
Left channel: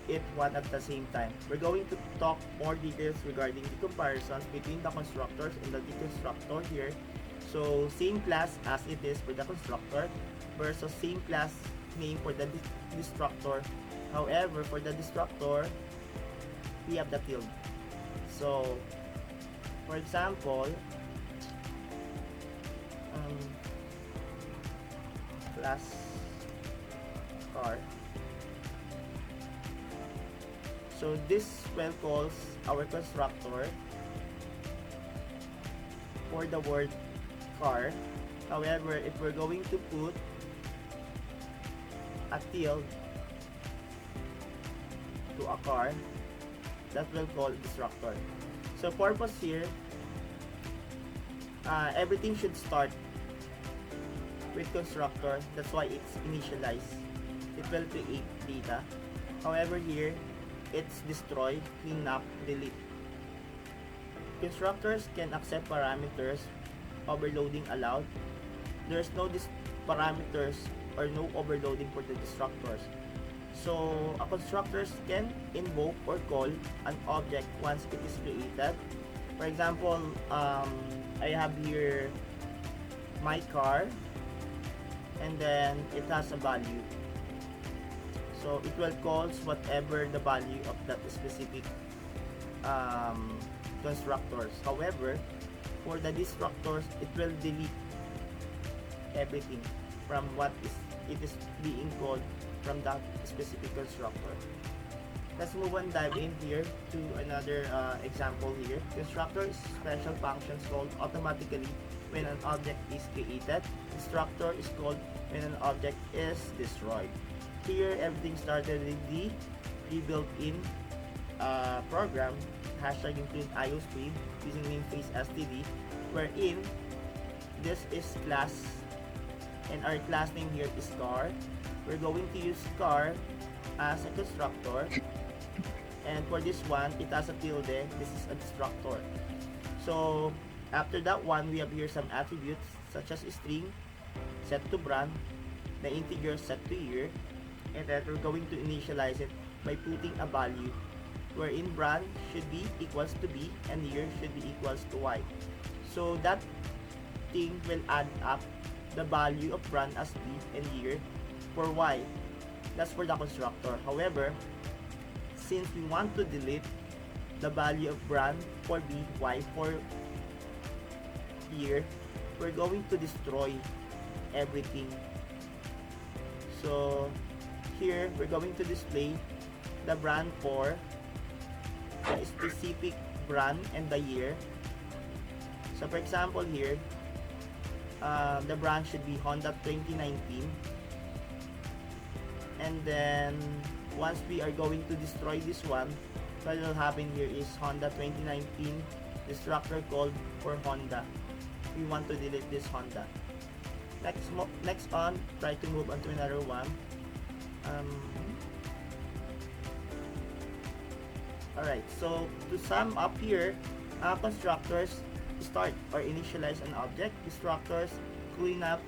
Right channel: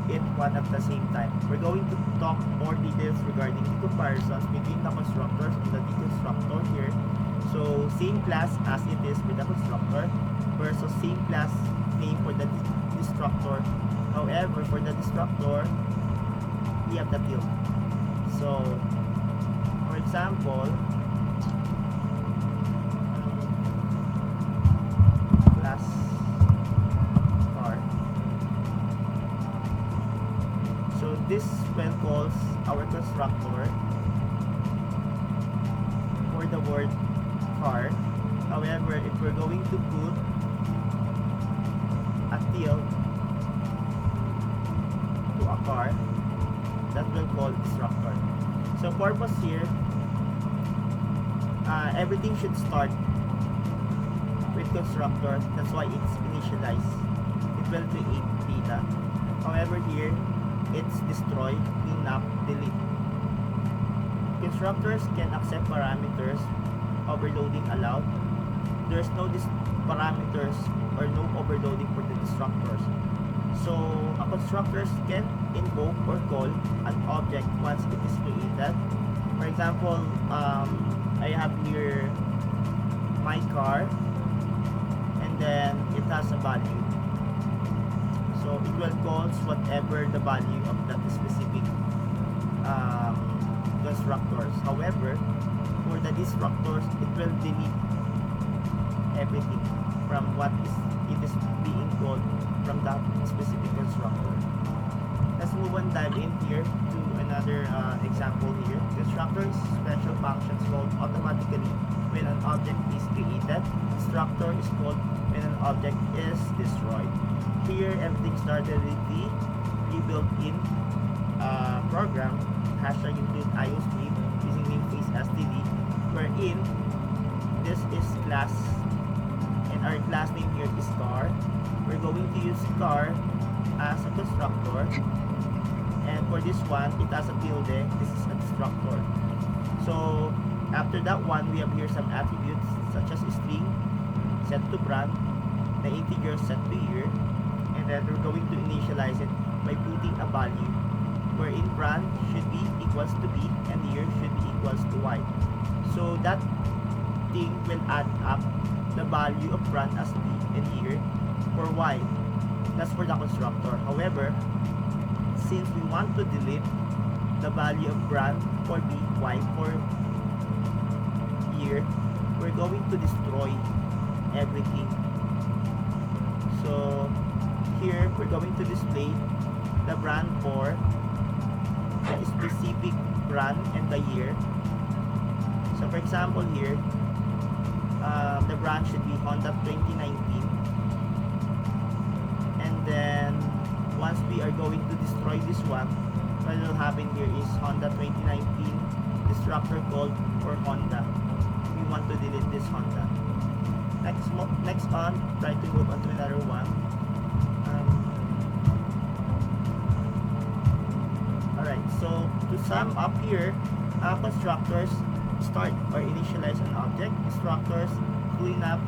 it one at the same time. We're going to talk more details regarding the comparisons between the constructors and the deconstructor here. So same class as it is for the constructor versus same class name for the destructor. However, for the destructor, we have the tilde. So for example, class car. So this will calls our constructor for the word car. However, if we're going to put a tilde to a car, that will call destructor. So purpose here, everything should start with constructor. That's why it's initialized. It will create data. However, here It's destroy, clean up, delete. Constructors can accept parameters, overloading allowed. There's no parameters or no overloading for the destructors. So a constructors can invoke or call an object once it is created. For example, I have here my car, and then it has a value. So it will call whatever the value of that specific constructors. However, for the destructors, it will delete everything from what it is being called from that specific constructor. Let's move on, dive in here to another example here. Constructor is special functions called automatically when an object is created. Destructor is called when an object is destroyed. Here, everything started with the pre-built-in program, hashtag include IOStream using namespace std, wherein this is class, and our class name here is car. We're going to use car as a constructor, and for this one, it has a tilde. This is a destructor. So after that one, we have here some attributes such as string set to brand, the integer set to year, and then we're going to initialize it by putting a value wherein brand should be equals to b and year should be equals to y. So that thing will add up the value of brand as b and year for y. That's for the constructor. However, since we want to delete the value of brand for b, y for year, we're going to destroy everything. So here we're going to display the brand for the specific brand and the year. So for example here, the brand should be Honda 2019, and then once we are going to destroy this one, what will happen here is Honda 2019 destructor called for Honda. We want to delete this Honda. Next on, try to move on to another one. Alright, so to sum up here, constructors start or initialize an object. Destructors clean up,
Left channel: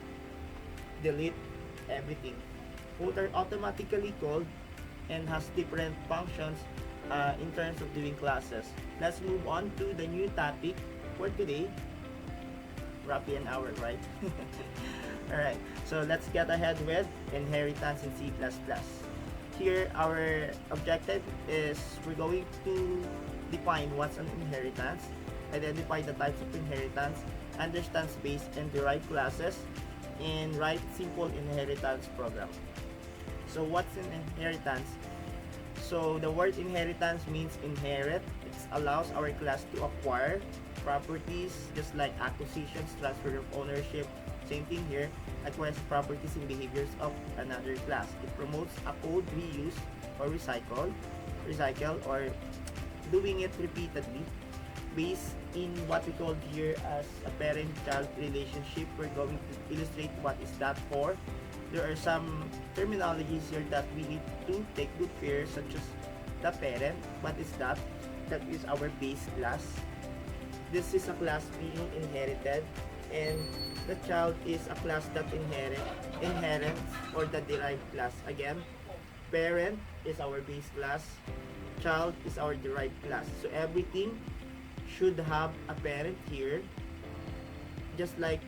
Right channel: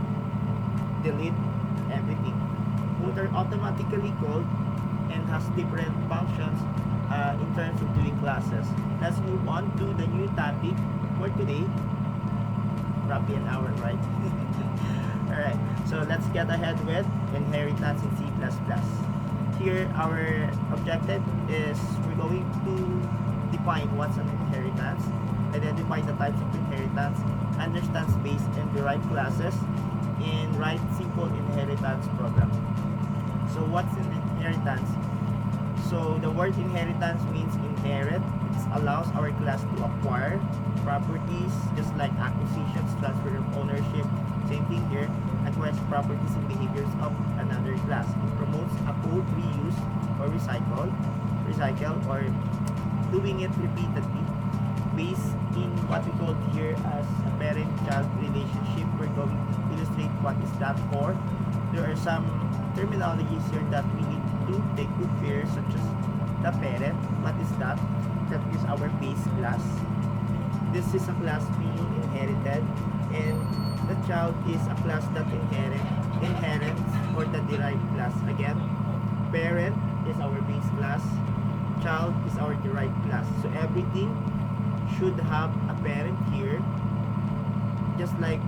delete everything. Both are automatically called and has different functions in terms of doing classes. Let's move on to the new topic for today. Roughly an hour, right? Alright, so let's get ahead with inheritance in C++. Here, our objective is we're going to define what's an inheritance, identify the types of inheritance, understand space and derive classes, and write simple inheritance program. So what's an inheritance? So the word inheritance means inherit. It allows our class to acquire properties just like acquisitions, transfer of ownership. Same thing here, acquires properties and behaviors of another class. It promotes a code reuse or recycle or doing it repeatedly based in what we call here as a parent-child relationship. We're going to illustrate what is that for. There are some terminologies here that we need to take good care, such as the parent. What is that? That is our base class. This is a class being inherited, and the child is a class that inherits or the derived class. Again, parent is our base class, child is our derived class. So everything should have a parent here, just like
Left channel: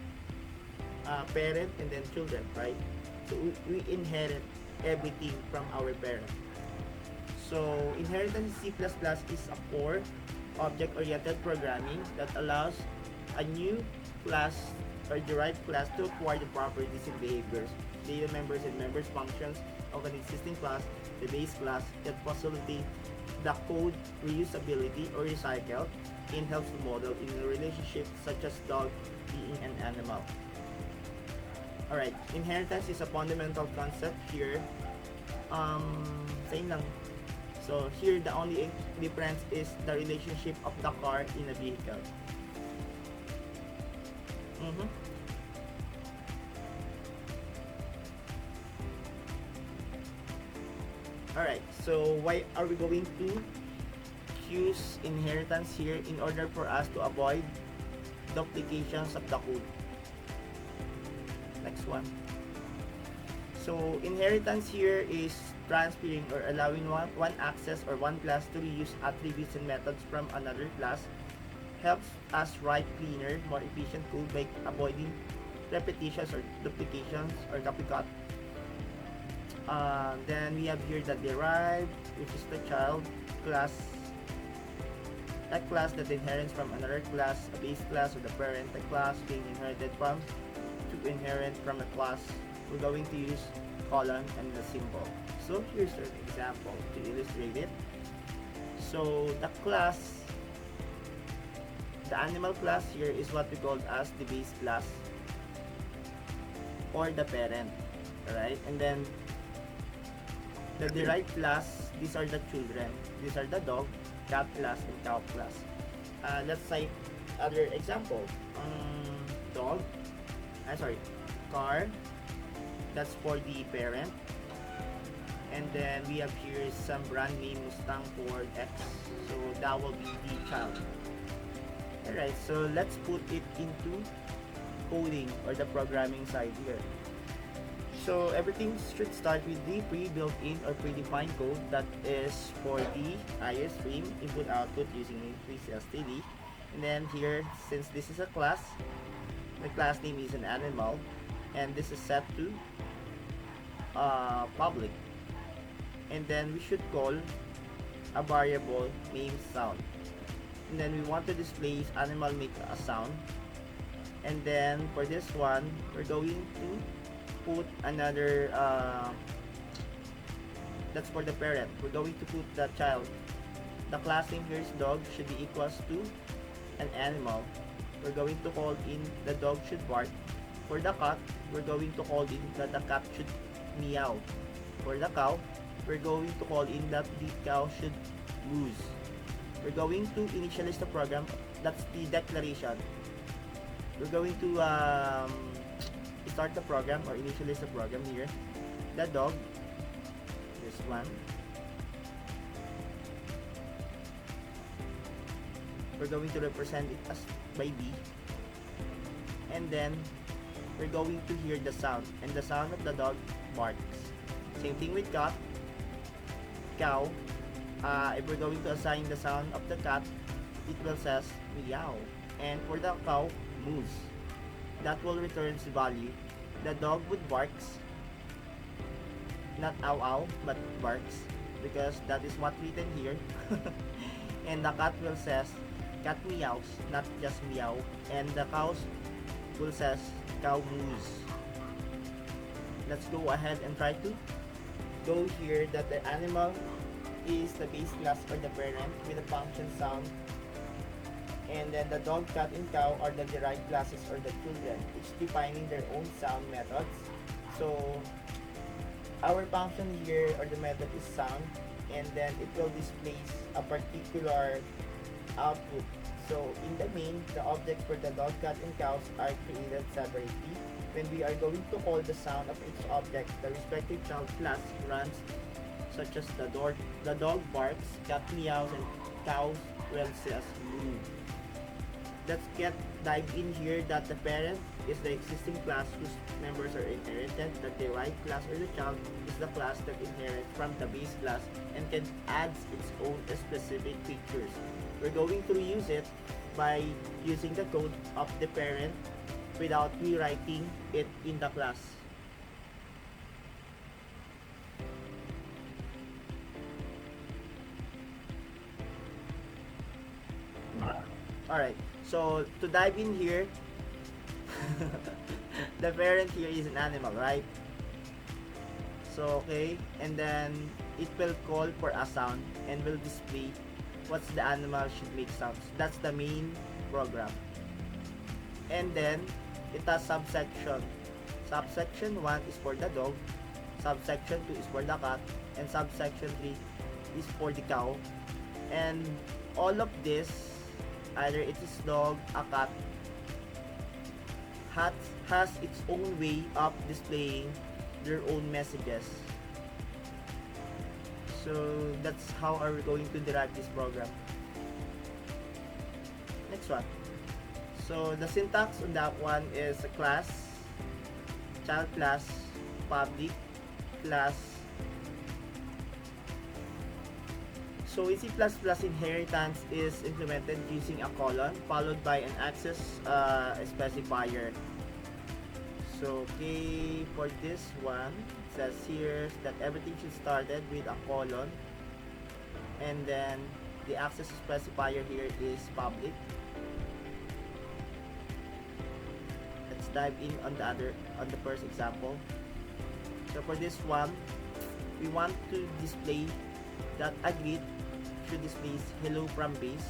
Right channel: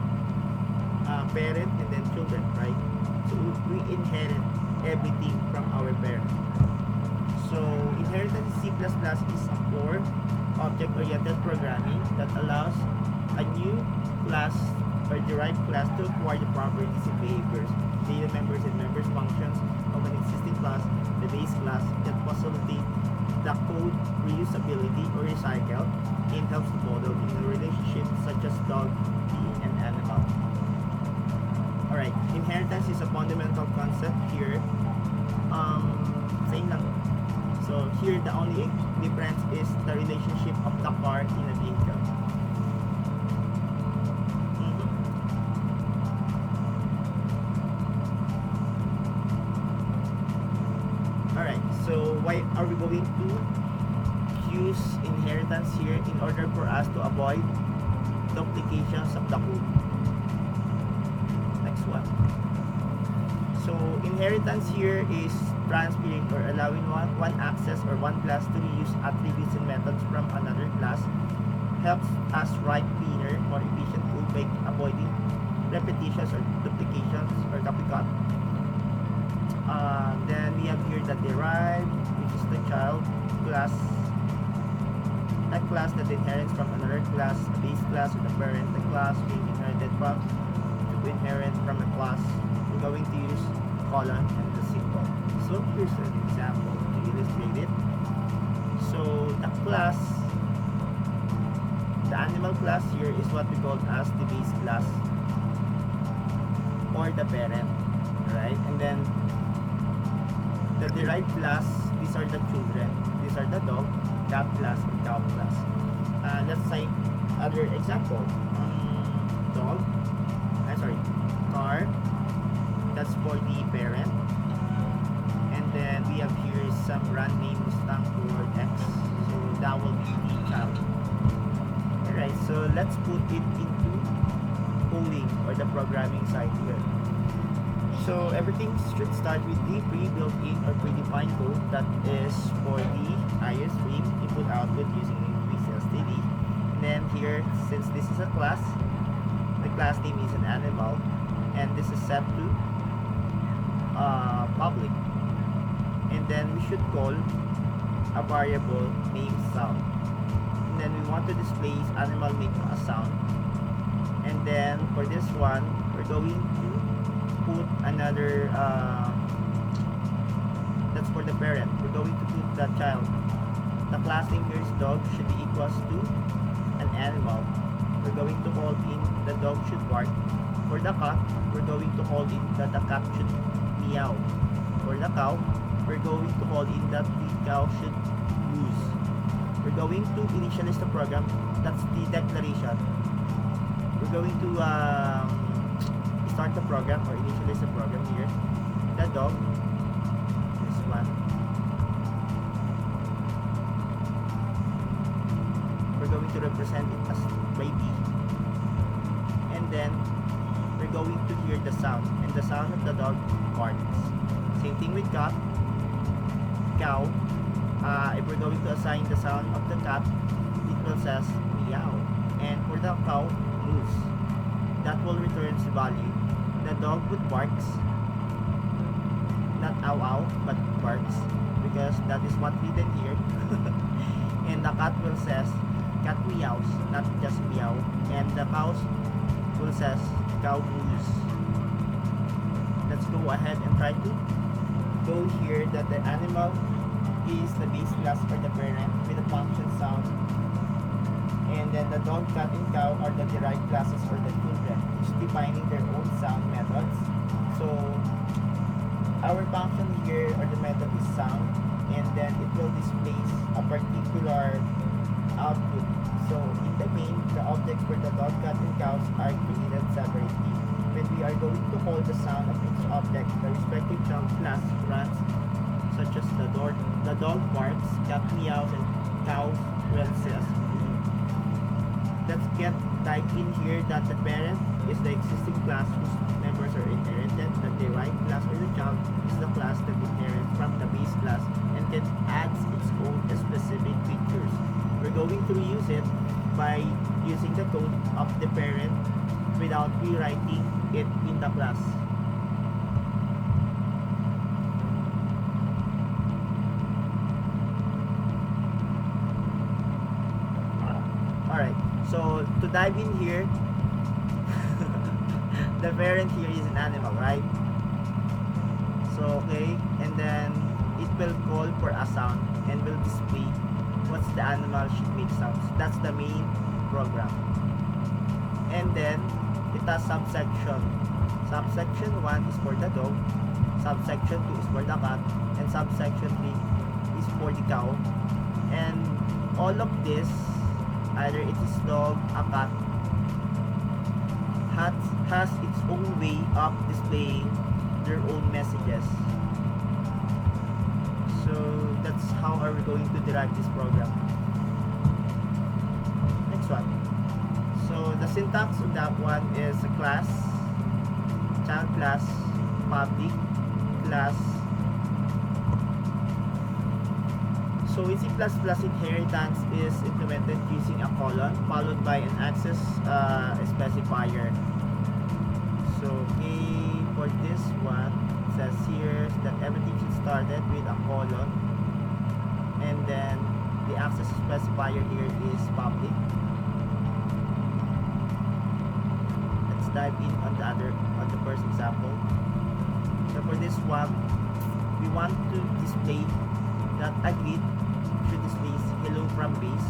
parent and then children, right? So we inherit everything from our parent. So inheritance in C++ is a core object-oriented programming that allows a new class or derived class to acquire the properties and behaviors, data members and members functions of an existing class, the base class, that facilitate the code reusability or recycle, and helps to model in a relationship such as dog being an animal. Alright, inheritance is a fundamental concept here. Same lang. So here the only difference is the relationship of the car in a vehicle. Alright, So why are we going to use inheritance here? In order for us to avoid duplications of the code. Next one. So inheritance here is transferring or allowing one access or one class to reuse attributes and methods from another class. Helps us write cleaner, more efficient code by avoiding repetitions or duplications or copycat. Then we have here the derived, which is the child class, a class that inherits from another class, a base class, or the parent, the class being inherited from, to inherit from a class. We're going to use colon and the symbol. So here's an example to illustrate it. So the class, the animal class here is what we call as the base class or the parent. Alright, and then the derived class, these are the children. These are the dog, cat class, and cow class. Let's say other example. Dog, car, that's for the parent. And then we have here some brand name Mustang Ford X, so that will be the child. Alright, so let's put it into coding or the programming side here. So everything should start with the pre-built-in or predefined code that is for the IO stream input output using STD. And then here, since this is a class, the class name is an animal, and this is set to public. And then we should call a variable named sound. And then we want to display animal make a sound. And then for this one, we're going to put another that's for the parent. We're going to put the child. The class name here is dog should be equals to an animal. We're going to call in the dog should bark. For the cat, we're going to call in that the cat should meow. For the cow, we're going to call in that the cow should moose. We're going to initialize the program. That's the declaration. We're going to start the program or initialize the program here. The dog, this one. We're going to represent it as by B. And then we're going to hear the sound, and the sound of the dog barks. Same thing with cat, cow. If we're going to assign the sound of the cat, it will says meow. And for the cow, moose. That will return the value. The dog would barks, not ow ow, but barks, because that is what written here. And the cat will says cat meows, not just meow. And the cows will says cow moose. Let's go ahead and try to go here that the animal is the base class for the parent with the function sound, and then the dog, cat, and cow are the derived classes for the children, each defining their own sound methods. So our function here or the method is sound, and then it will display a particular output. So in the main, the objects for the dog, cat, and cows are created separately. When we are going to call the sound of each object, the respective child class runs, such as the dog barks, cat meows, and cow will says moo. Let's get dive in here that the parent is the existing class whose members are inherited. The derived class or the child is the class that inherits from the base class and can add its own specific features. We're going to reuse it by using the code of the parent without rewriting it in the class. Alright, so to dive in here, the parent here is an animal, right? So okay, and then it will call for a sound and will display what's the animal should make sounds. That's the main program. And then it has subsection. Subsection 1 is for the dog, subsection 2 is for the cat, and subsection 3 is for the cow. And all of this, either it is dog, a cat, has its own way of displaying their own messages. So So that's how are we going to derive this program. Next one. So the syntax on that one is a class, child class, public class. So in C++, inheritance is implemented using a colon followed by an access specifier. So okay, for this one, it says here that everything should started with a colon, and then the access specifier here is public. Let's dive in on the first example. So for this one, we want to display that a grid should display hello from base,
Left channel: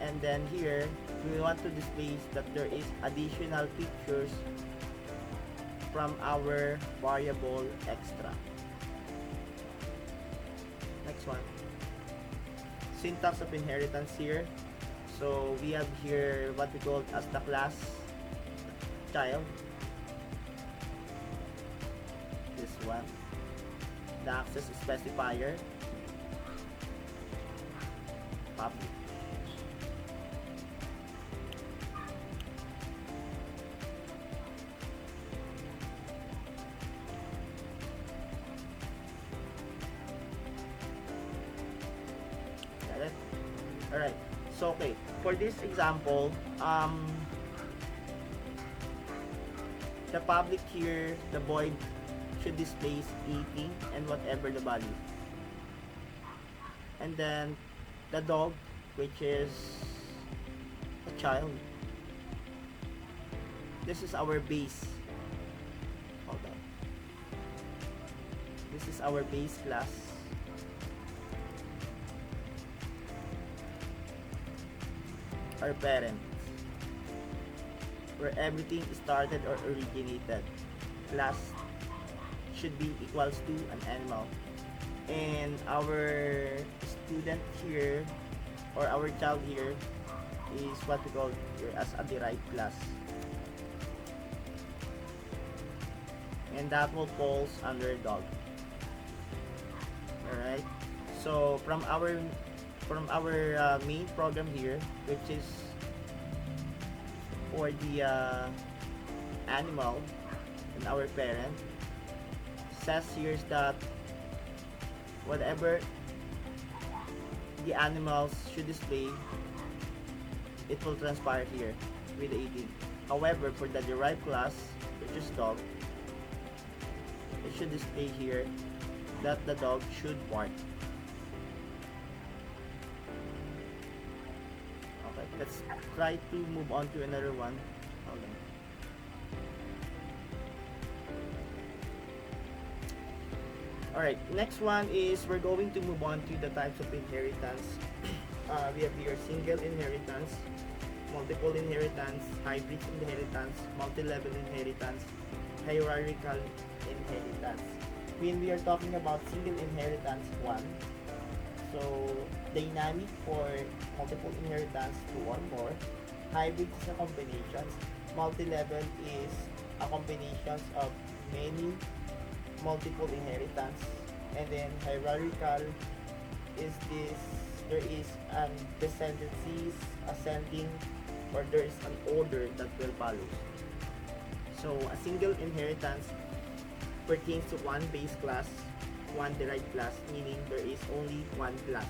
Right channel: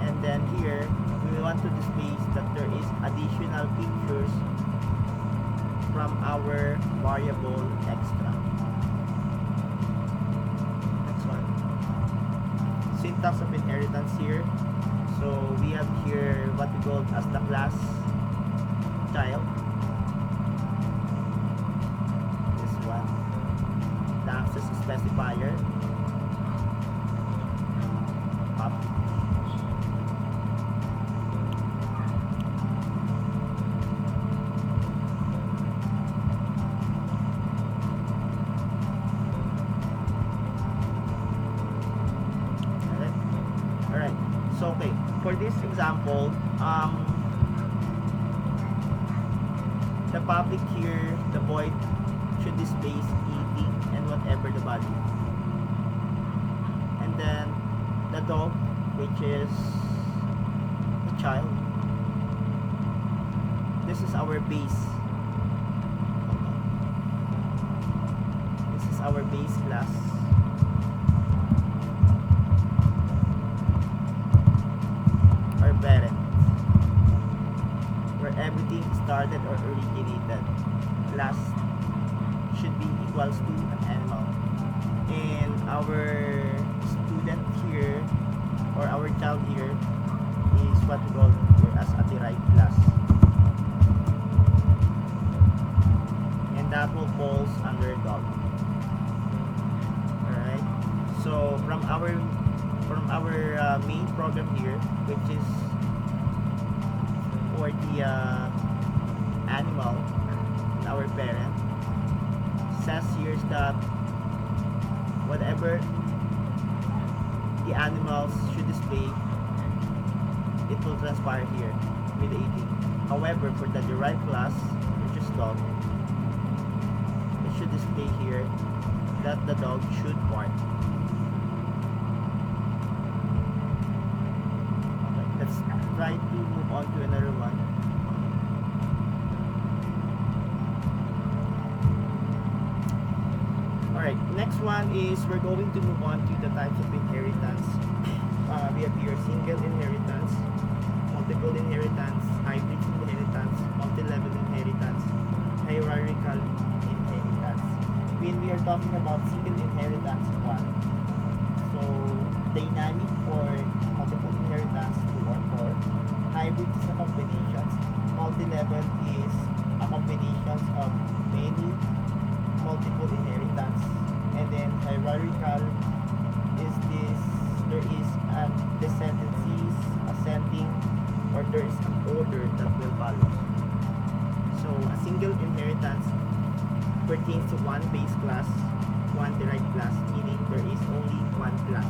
and then here we want to display that there is additional pictures from our variable extra. Next one, syntax of inheritance here. So we have here what we call as the class child, this one, the access specifier, public. Alright, so okay, for this example, the public here, the void should display 80 and whatever the value, and then the dog, which is a child, this is our base. Hold on. This is our base class. Our parent, where everything started or originated. Class should be equals to an animal, and our student here, or our child here, is what we call here as a derived class, and that will falls under dog. Alright, so from our main program here, which is for the animal and our parent, says here that whatever the animals should display, it will transpire here with the 80. However, for the derived class, which is dog, it should display here that the dog should bark. Let's try to move on to another one. Alright, next one is we're going to move on to the types of inheritance. We have here single inheritance, multiple inheritance, hybrid inheritance, multi-level inheritance, hierarchical inheritance. When we are talking about single inheritance, one, so dynamic or multiple inheritance, 2 or 4. Hybrid is a combinations. Multi-level is a combinations of many multiple inheritance. And then hierarchical is this, there is an descendancies ascending, or there is an order that will follow. So a single inheritance pertains to one base class, one derived class, meaning there is only one class.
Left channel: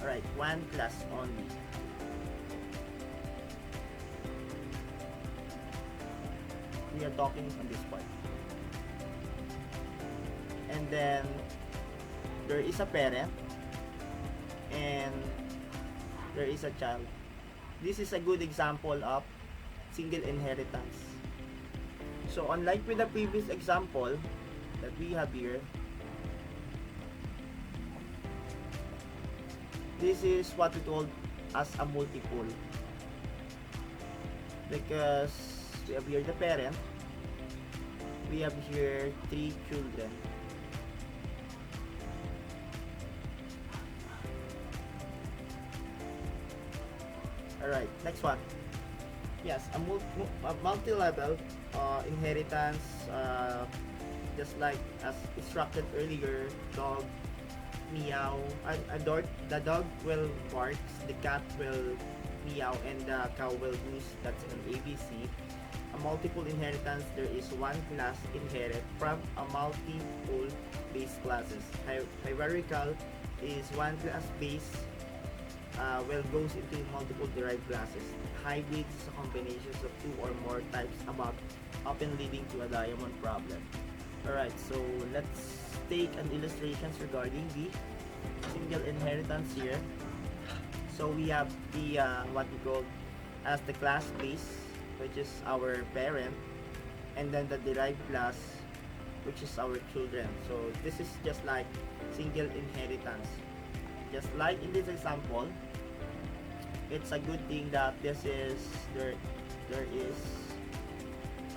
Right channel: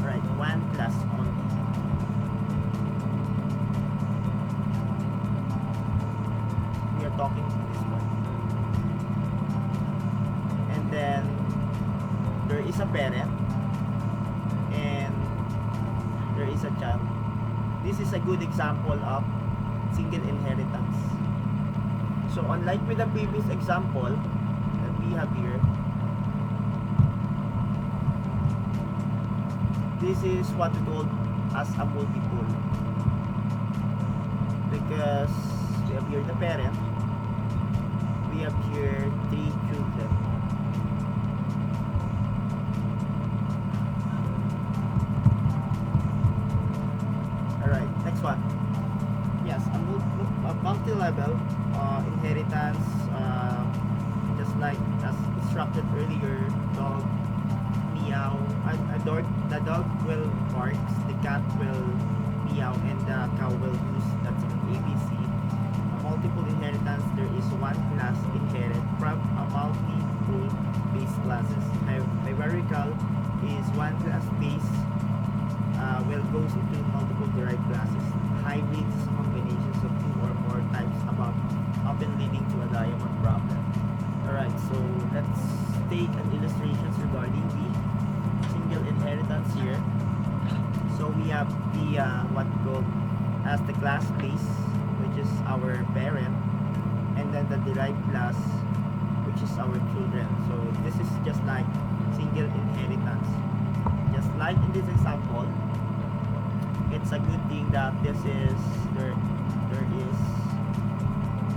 Alright, one class only. We are talking on this one. And then there is a parent and there is a child. This is a good example of single inheritance. So unlike with the previous example that we have here, this is what we call as a multiple, because we have here the parent, we have here 3 children. Alright, next one. Yes, a multi-level inheritance, just just like as instructed earlier, dog, meow, the dog will bark, the cat will meow, and the cow will goose. That's an ABC. A multiple inheritance, there is one class inherit from a multiple base classes. Hierarchical is one class base goes into multiple derived classes. Hybrids is a combinations of two or more types above, often leading to a diamond problem. Alright, so let's take an illustrations regarding the single inheritance here. So we have the what we call as the class base, which is our parent, and then the derived class, which is our children. So this is just like single inheritance. Just like in this example, it's a good thing that this is there is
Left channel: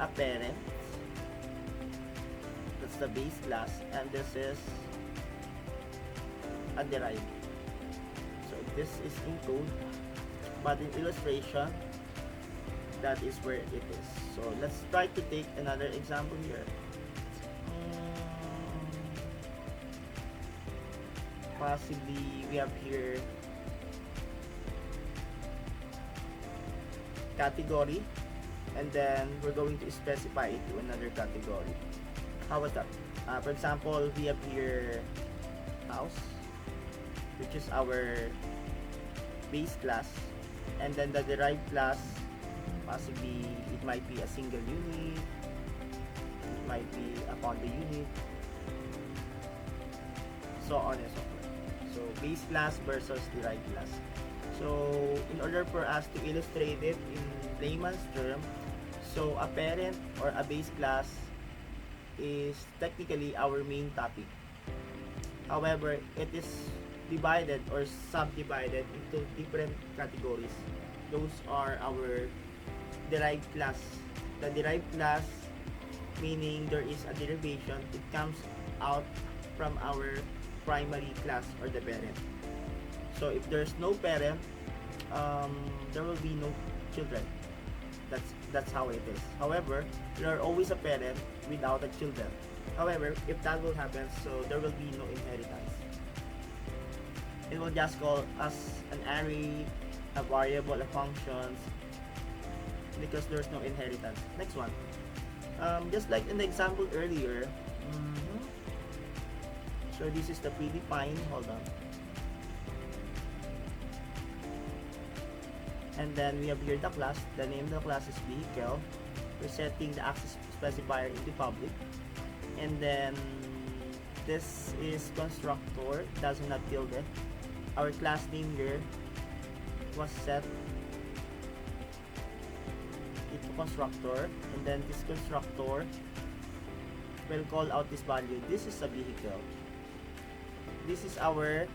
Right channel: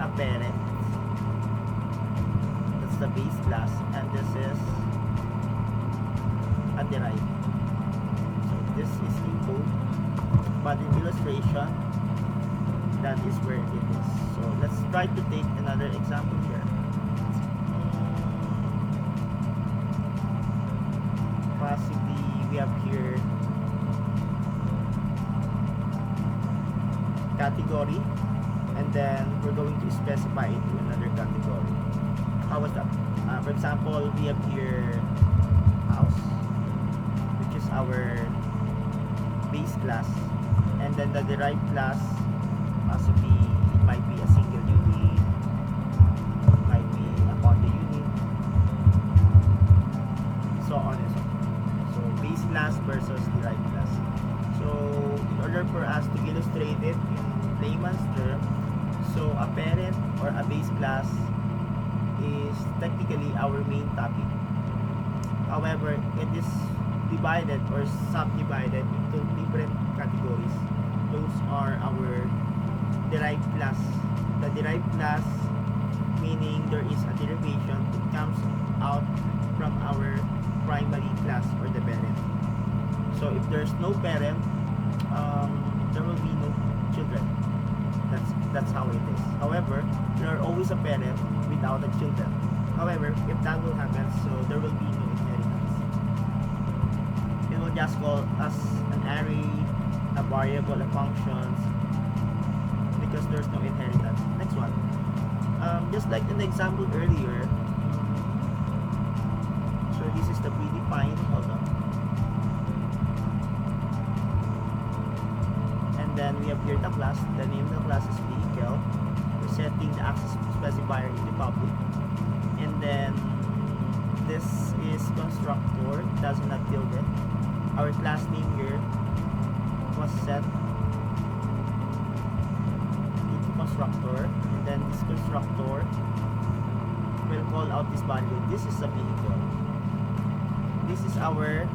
a parent, that's the base class, and this is a derived. So this is in code, but in illustration, that is where it is. So let's try to take another example here. Possibly we have here category, and then we're going to specify it to another category. How was that? For example, we have here house, which is our base class, and then the derived class, possibly it might be a single unit, it might be a condo unit, so on and so forth. So base class versus derived class. So in order for us to illustrate it in layman's term, so a parent or a base class is technically our main topic. However, it is divided or subdivided into different categories. Those are our derived class. The derived class, meaning there is a derivation, it comes out from our primary class or the parent. So if there's no parent, there will be no children. That's how it is. However, there are always a parent without a children. However, if that will happen, so there will be no inheritance. It will just call as an array, a variable, a function, because there's no inheritance. Next one. Just like in the example earlier, so this is the predefined, hold on. And then we have here the class. The name of the class is vehicle. We're setting the access specifier into public. And then this is constructor, does not build it. Our class name here was set into constructor, and then this constructor will call out this value. This is a vehicle. This is our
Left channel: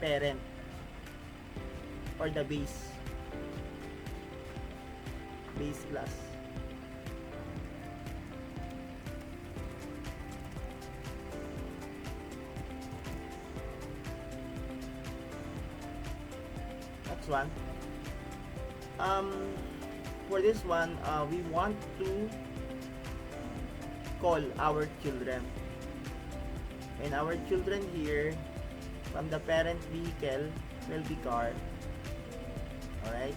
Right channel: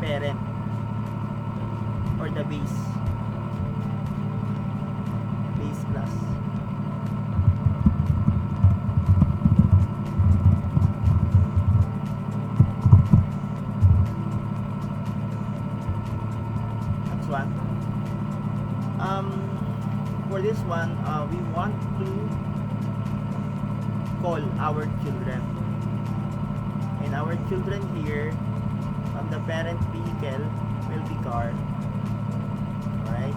parent or the base class. Next one. For this one, we want to call our children, and our children here from the parent vehicle will be car. Alright,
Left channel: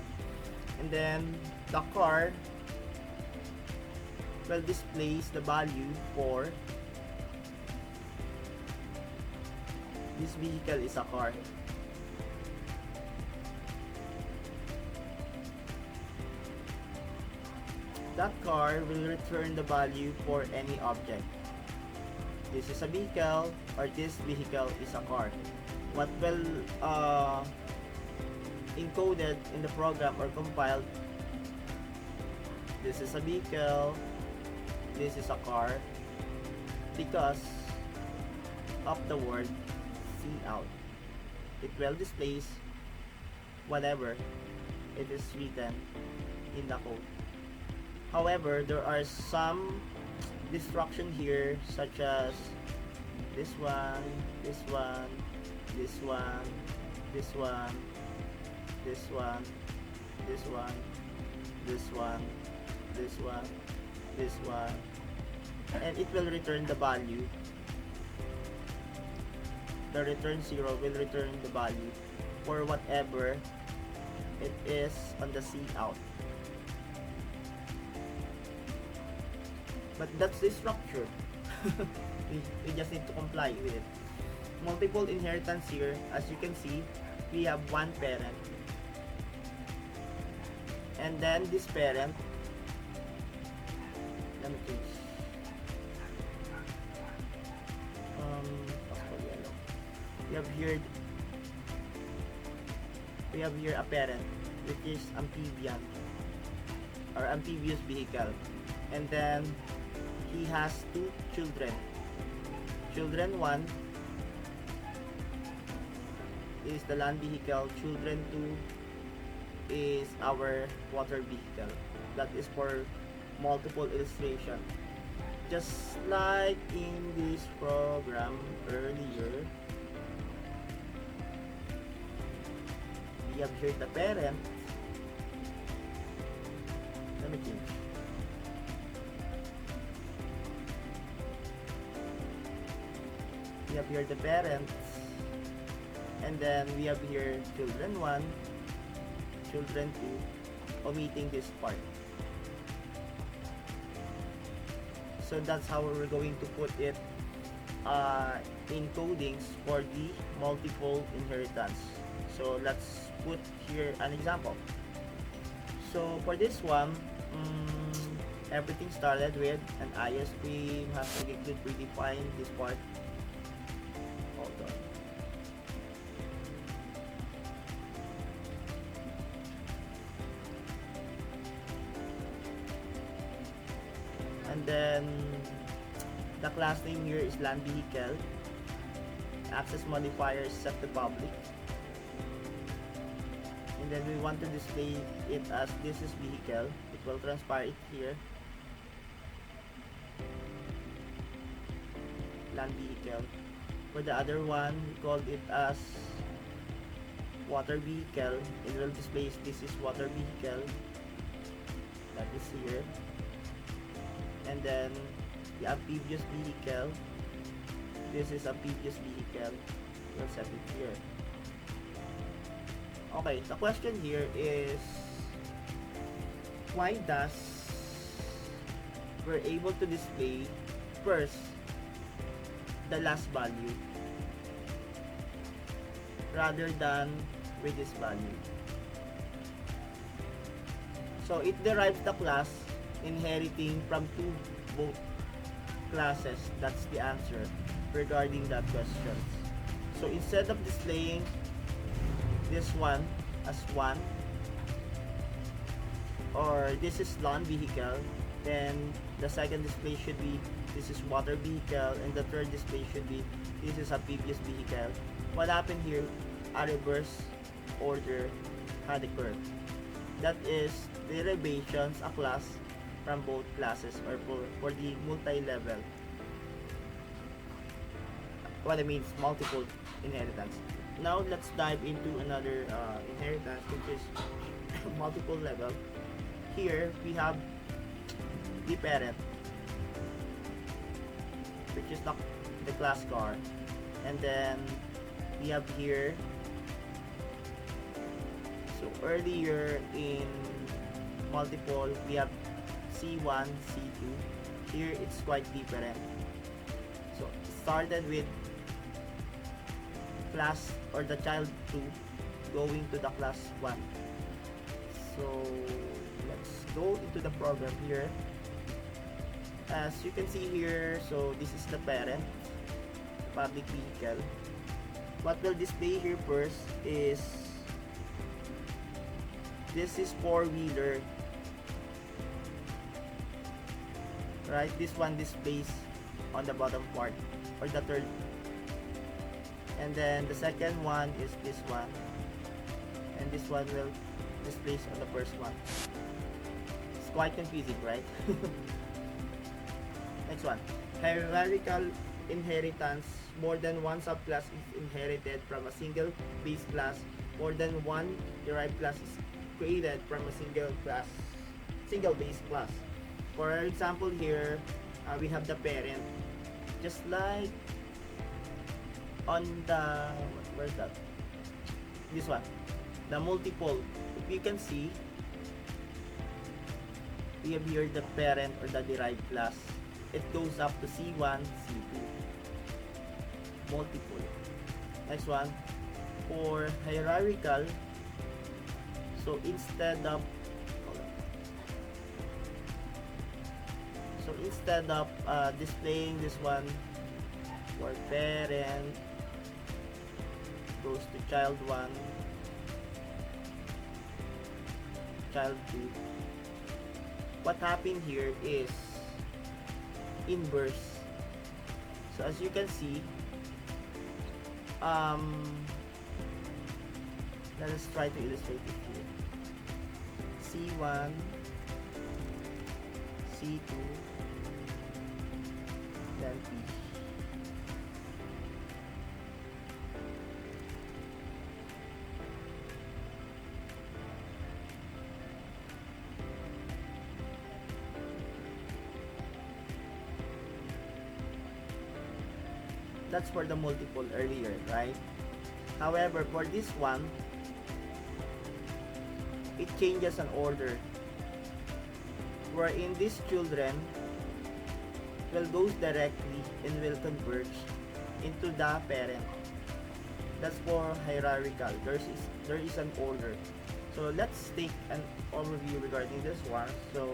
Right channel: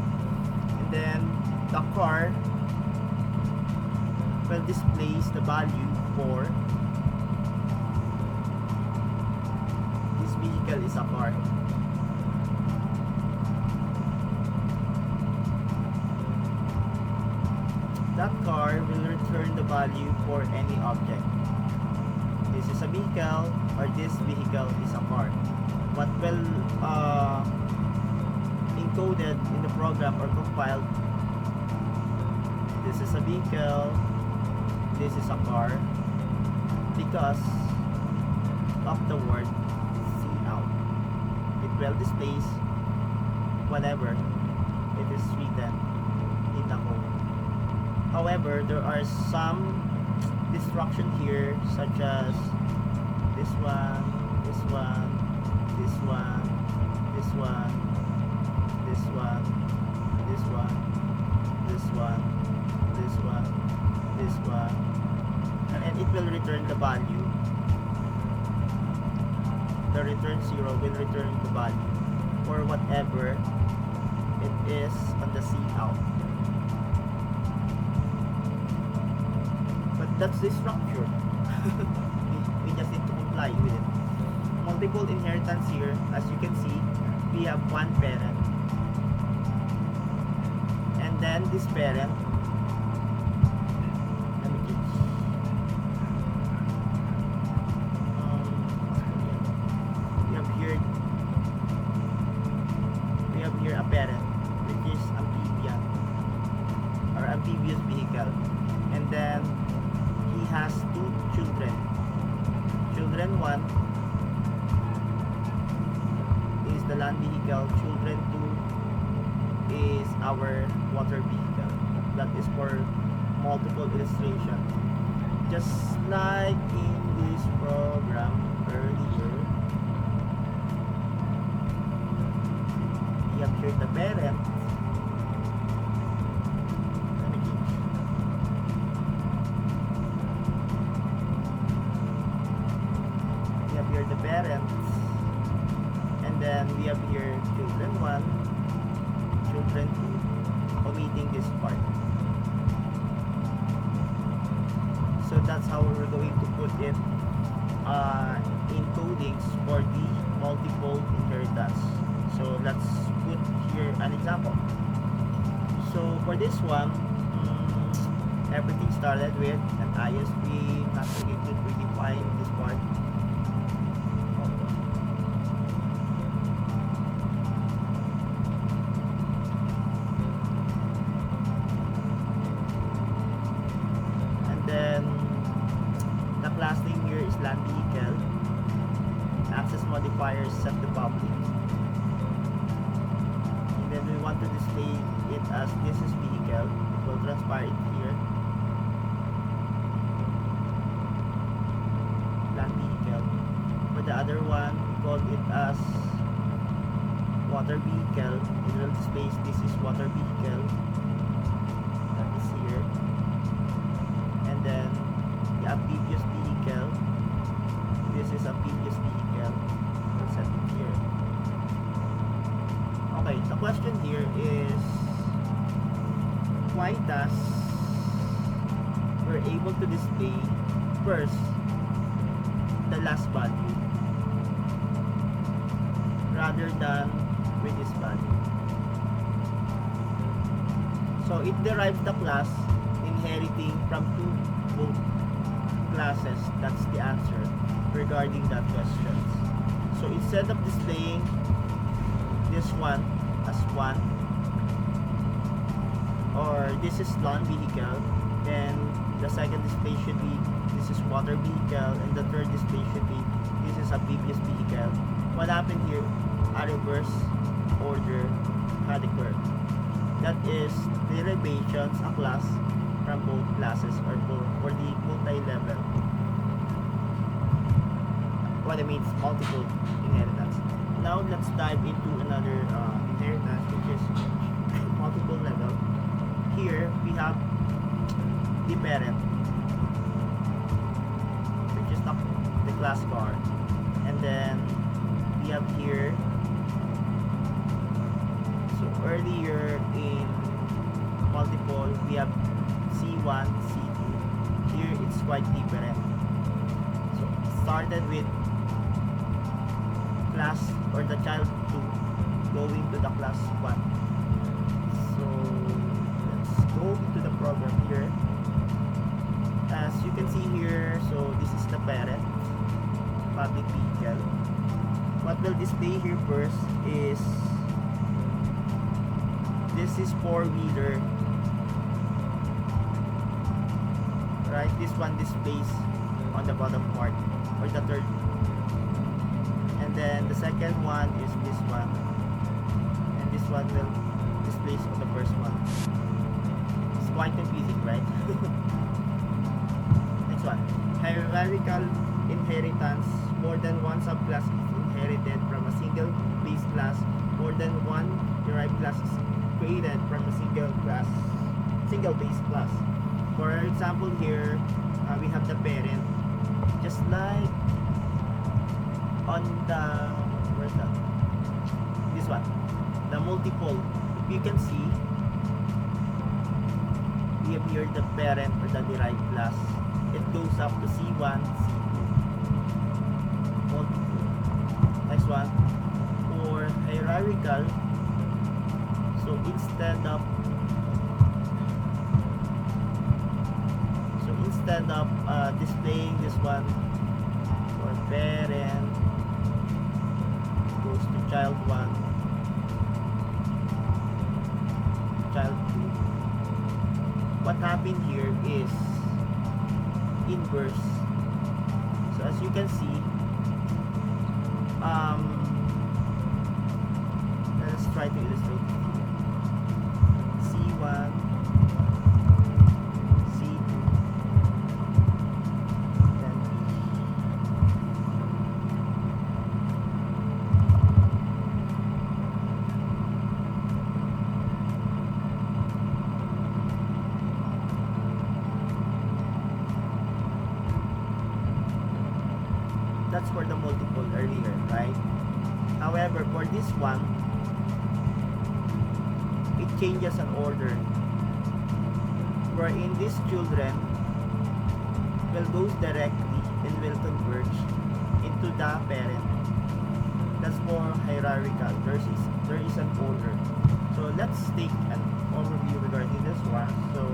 and then the car will displays the value for this vehicle is a car. That car will return the value for any object. This is a vehicle, or this vehicle is a car. What will encoded in the program or compiled, this is a vehicle, this is a car, because of the word see out. It will displays whatever it is written in the code. However, there are some destruction here, such as this one, this one, this one, this one, this one, this one, this one, this one, this one, and it will return the value. The return 0 will return the value for whatever it is on the C out. But that's the structure. we just need to comply with it. Multiple inheritance here, as you can see, we have one parent, and then this parent, let me change, we have here a parent, which is amphibian or amphibious vehicle, and then he has two children. Children 1 is the land vehicle, children 2 is our water vehicle. That is for multiple illustration. Just like in this program earlier, we have here the parent. Let me change. We have here the parents, and then we have here children 1, children 2, omitting this part. So that's how we're going to put it in codings for the multiple inheritance. So let's put here an example. So for this one, everything started with an IO stream, has to predefine this part. Hold on. And then the class name here is land vehicle. Access modifiers set to public. And then we want to display it as this is vehicle. It will transpire it here. Land vehicle. For the other one, we call it as water vehicle. It will display this is water vehicle. That is here. And then the amphibious vehicle, this is amphibious vehicle, we'll set it here. Okay, the question here is, why does we're able to display first the last value rather than with this value? So it derives the class inheriting from both classes. That's the answer regarding that question. So instead of displaying this one as 1, or this is land vehicle, then the second display should be this is water vehicle, and the third display should be this is amphibious vehicle. What happened here? A reverse order had occurred. That is derivations a class from both classes, or for the multi-level, what I mean is multiple inheritance. Now let's dive into another inheritance, which is multiple level. Here we have the parent, which is the class car, and then we have here, so earlier in multiple we have C1, C2. Here it's quite different. So started with class or the child 2 going to the class 1. So let's go into the program here. As you can see here, so this is the parent, public vehicle. What will display here first is this is 4-wheeler. Right, this one displays on the bottom part, or the third, and then the second one is this one, and this one will displays on the first one. It's quite confusing, right? Next one, hierarchical inheritance. More than one subclass is inherited from a single base class. More than one derived class is created from a single base class. For example here, we have the parent, just like on the, where's that? This one, the multiple. If you can see, we have here the parent or the derived class. It goes up to C1, C2. Multiple. Next one, for hierarchical. So instead of displaying this one for parent, goes to child 1, child 2. What happened here is inverse. So as you can see, let's try to illustrate it here. C1, C2, then P. That's for the multiple earlier, right? However, for this one, it changes an order, wherein these children will goes directly and will converge into the parent. That's for hierarchical. There is an order. So let's take an overview regarding this one. So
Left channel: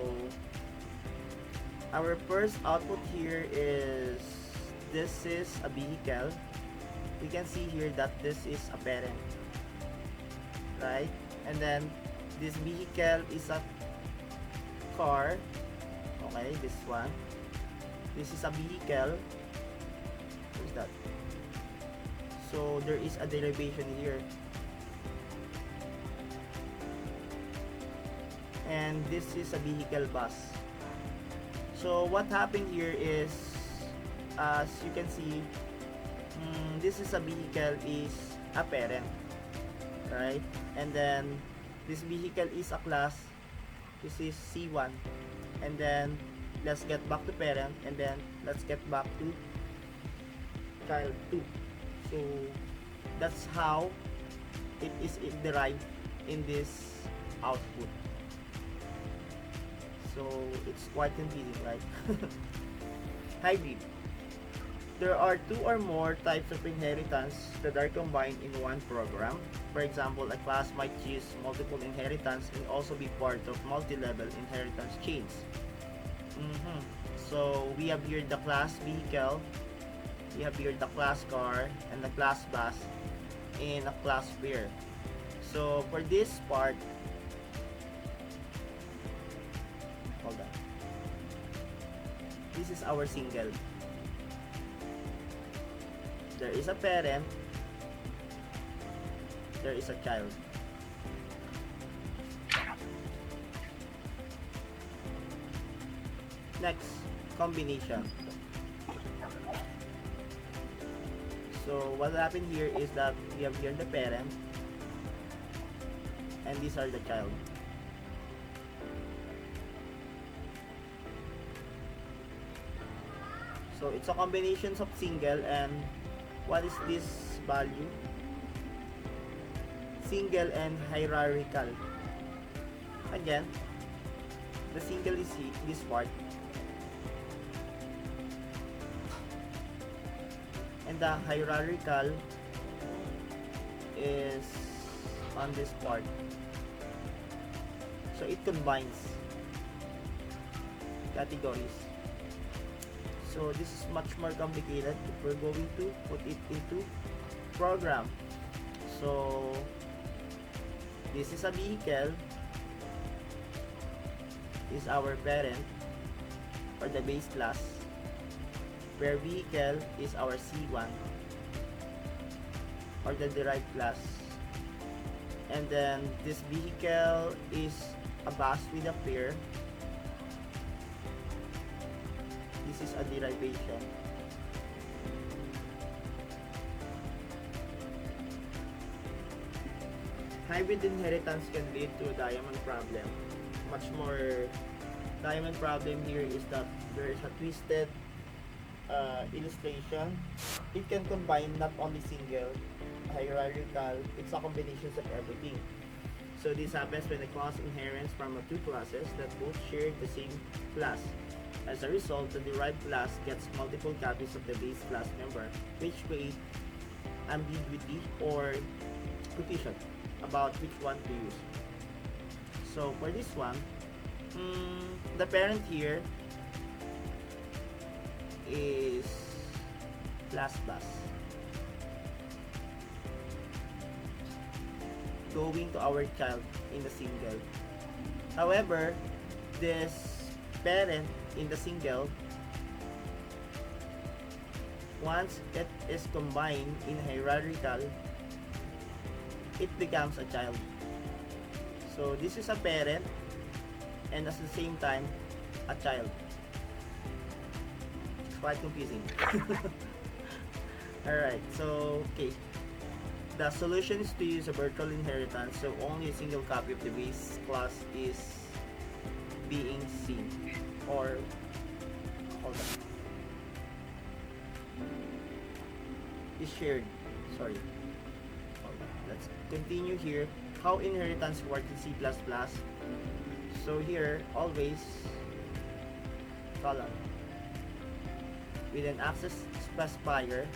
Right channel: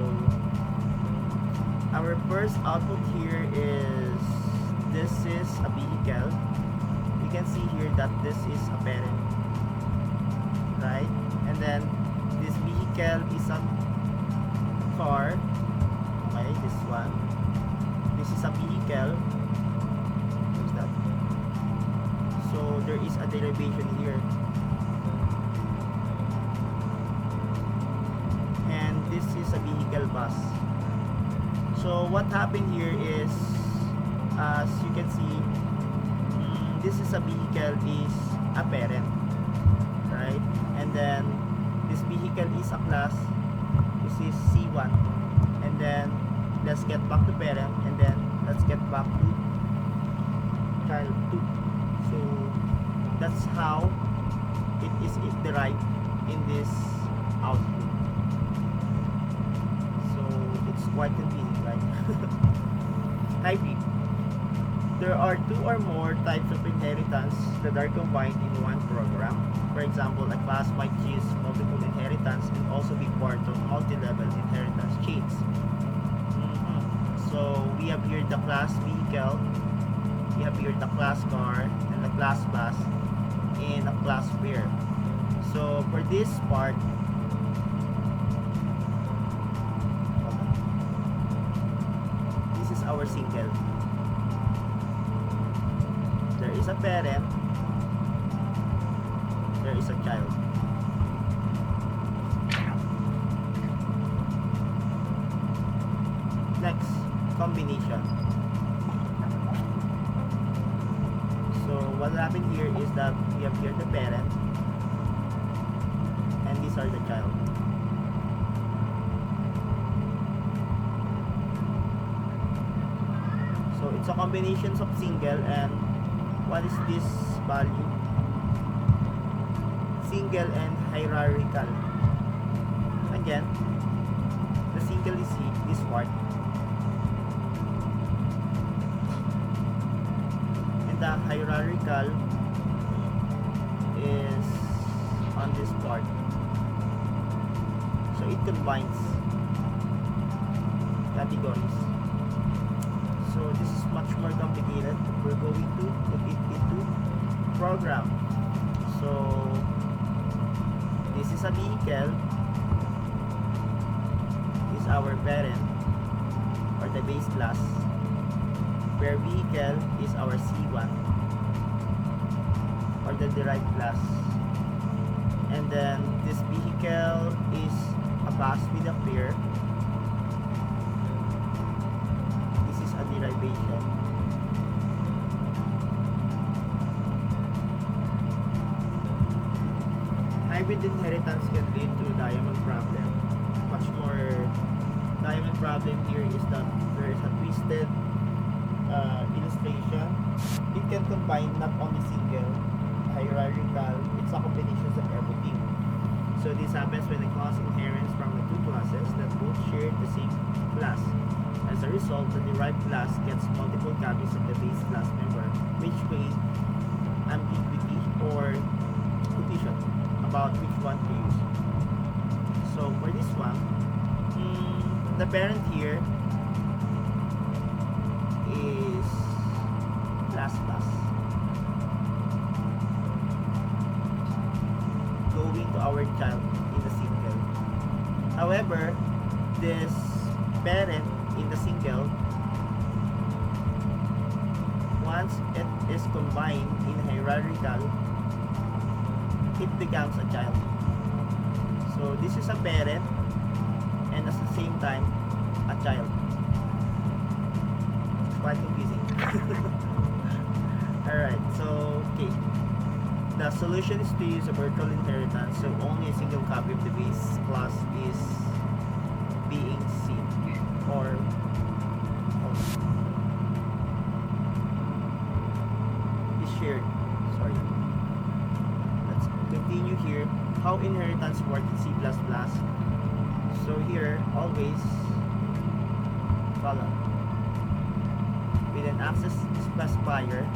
our first output here is, this is a vehicle. We can see here that this is a parent, right? And then this vehicle is a car. Okay, this one. This is a vehicle. What's that? So there is a derivation here. And this is a vehicle bus. So what happened here is, as you can see, this is a vehicle is a parent, right? And then this vehicle is a class. This is C1. And then let's get back to parent, and then let's get back to child 2. So that's how it is derived in this output. So it's quite confusing, right? Hybrid. There are 2 or more types of inheritance that are combined in one program. For example, a class might use multiple inheritance and also be part of multi-level inheritance chains. So we have here the class vehicle, we have here the class car, and the class bus, and a class pair. So for this part, hold on. This is our single. There is a parent, there is a child. Next, combination. So what happened here is that we have here the parent, and these are the child. So it's a combination of single, and what is this value? Single and hierarchical. Again, the single is this part, and the hierarchical is on this part. So it combines categories. So this is much more complicated. We're going to put it into program. So this is a vehicle, is our parent or the base class, where vehicle is our C1 or the derived class, and then this vehicle is a bus with a pair. A derivation. Hybrid inheritance can lead to a diamond problem, much more diamond problem here is that there is a twisted illustration. It can combine not only single, hierarchical, it's a combination of everything. So this happens when the class inherits from the two classes that both share the same class. As a result, the derived class gets multiple copies of the base class member, which creates ambiguity or confusion about which one to use. So for this one, the parent here is class class. Going to our child in the single. However, this parent in the single, once it is combined in hierarchical, it becomes a child. So this is a parent and at the same time a child. It's quite confusing. Alright, so okay. The solution is to use a virtual inheritance, so only a single copy of the base class is being seen. Or hold on. Is shared. Sorry. Let's continue here. How inheritance works in C++. So here, always column with an access specifier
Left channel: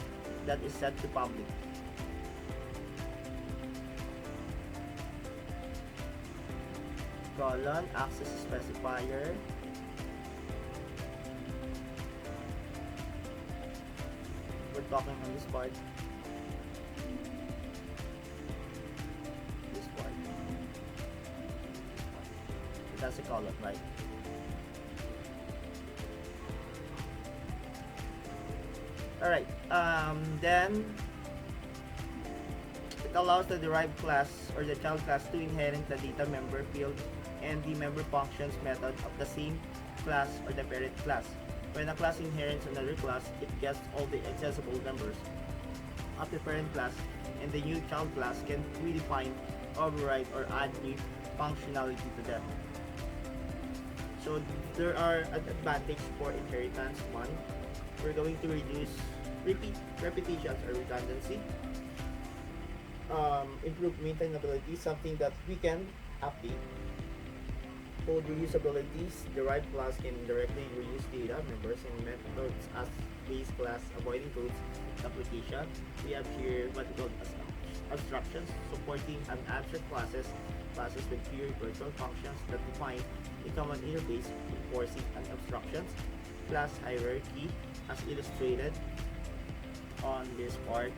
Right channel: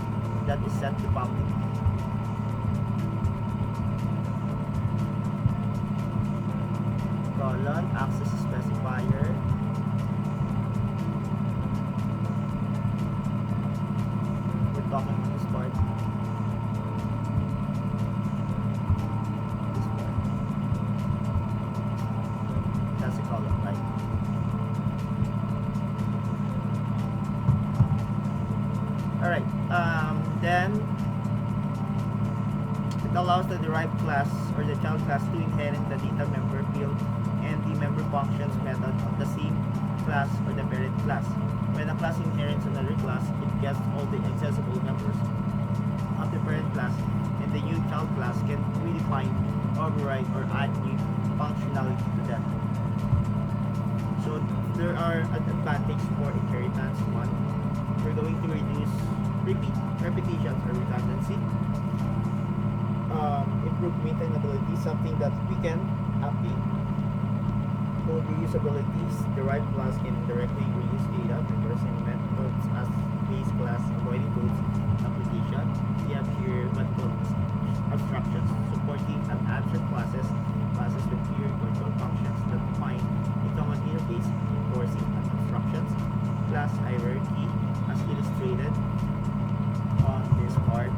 that is set to public. Colon, access specifier. We're talking on this part. This part. That's a column, right? Alright, then it allows the derived class or the child class to inherit the data member field and the member functions method of the same class or the parent class. When a class inherits another class, it gets all the accessible members of the parent class, and the new child class can redefine, override, or add new functionality to them. So there are advantages for inheritance. One, we're going to reduce repetitions or redundancy. Improve maintainability, something that we can update. Code reusabilities, derived class can directly reuse data, members, and methods as base class, avoiding codes application. We have here multiple abstractions, supporting an abstract classes with pure virtual functions that define a common interface, enforcing an abstractions, class hierarchy, as illustrated on this part.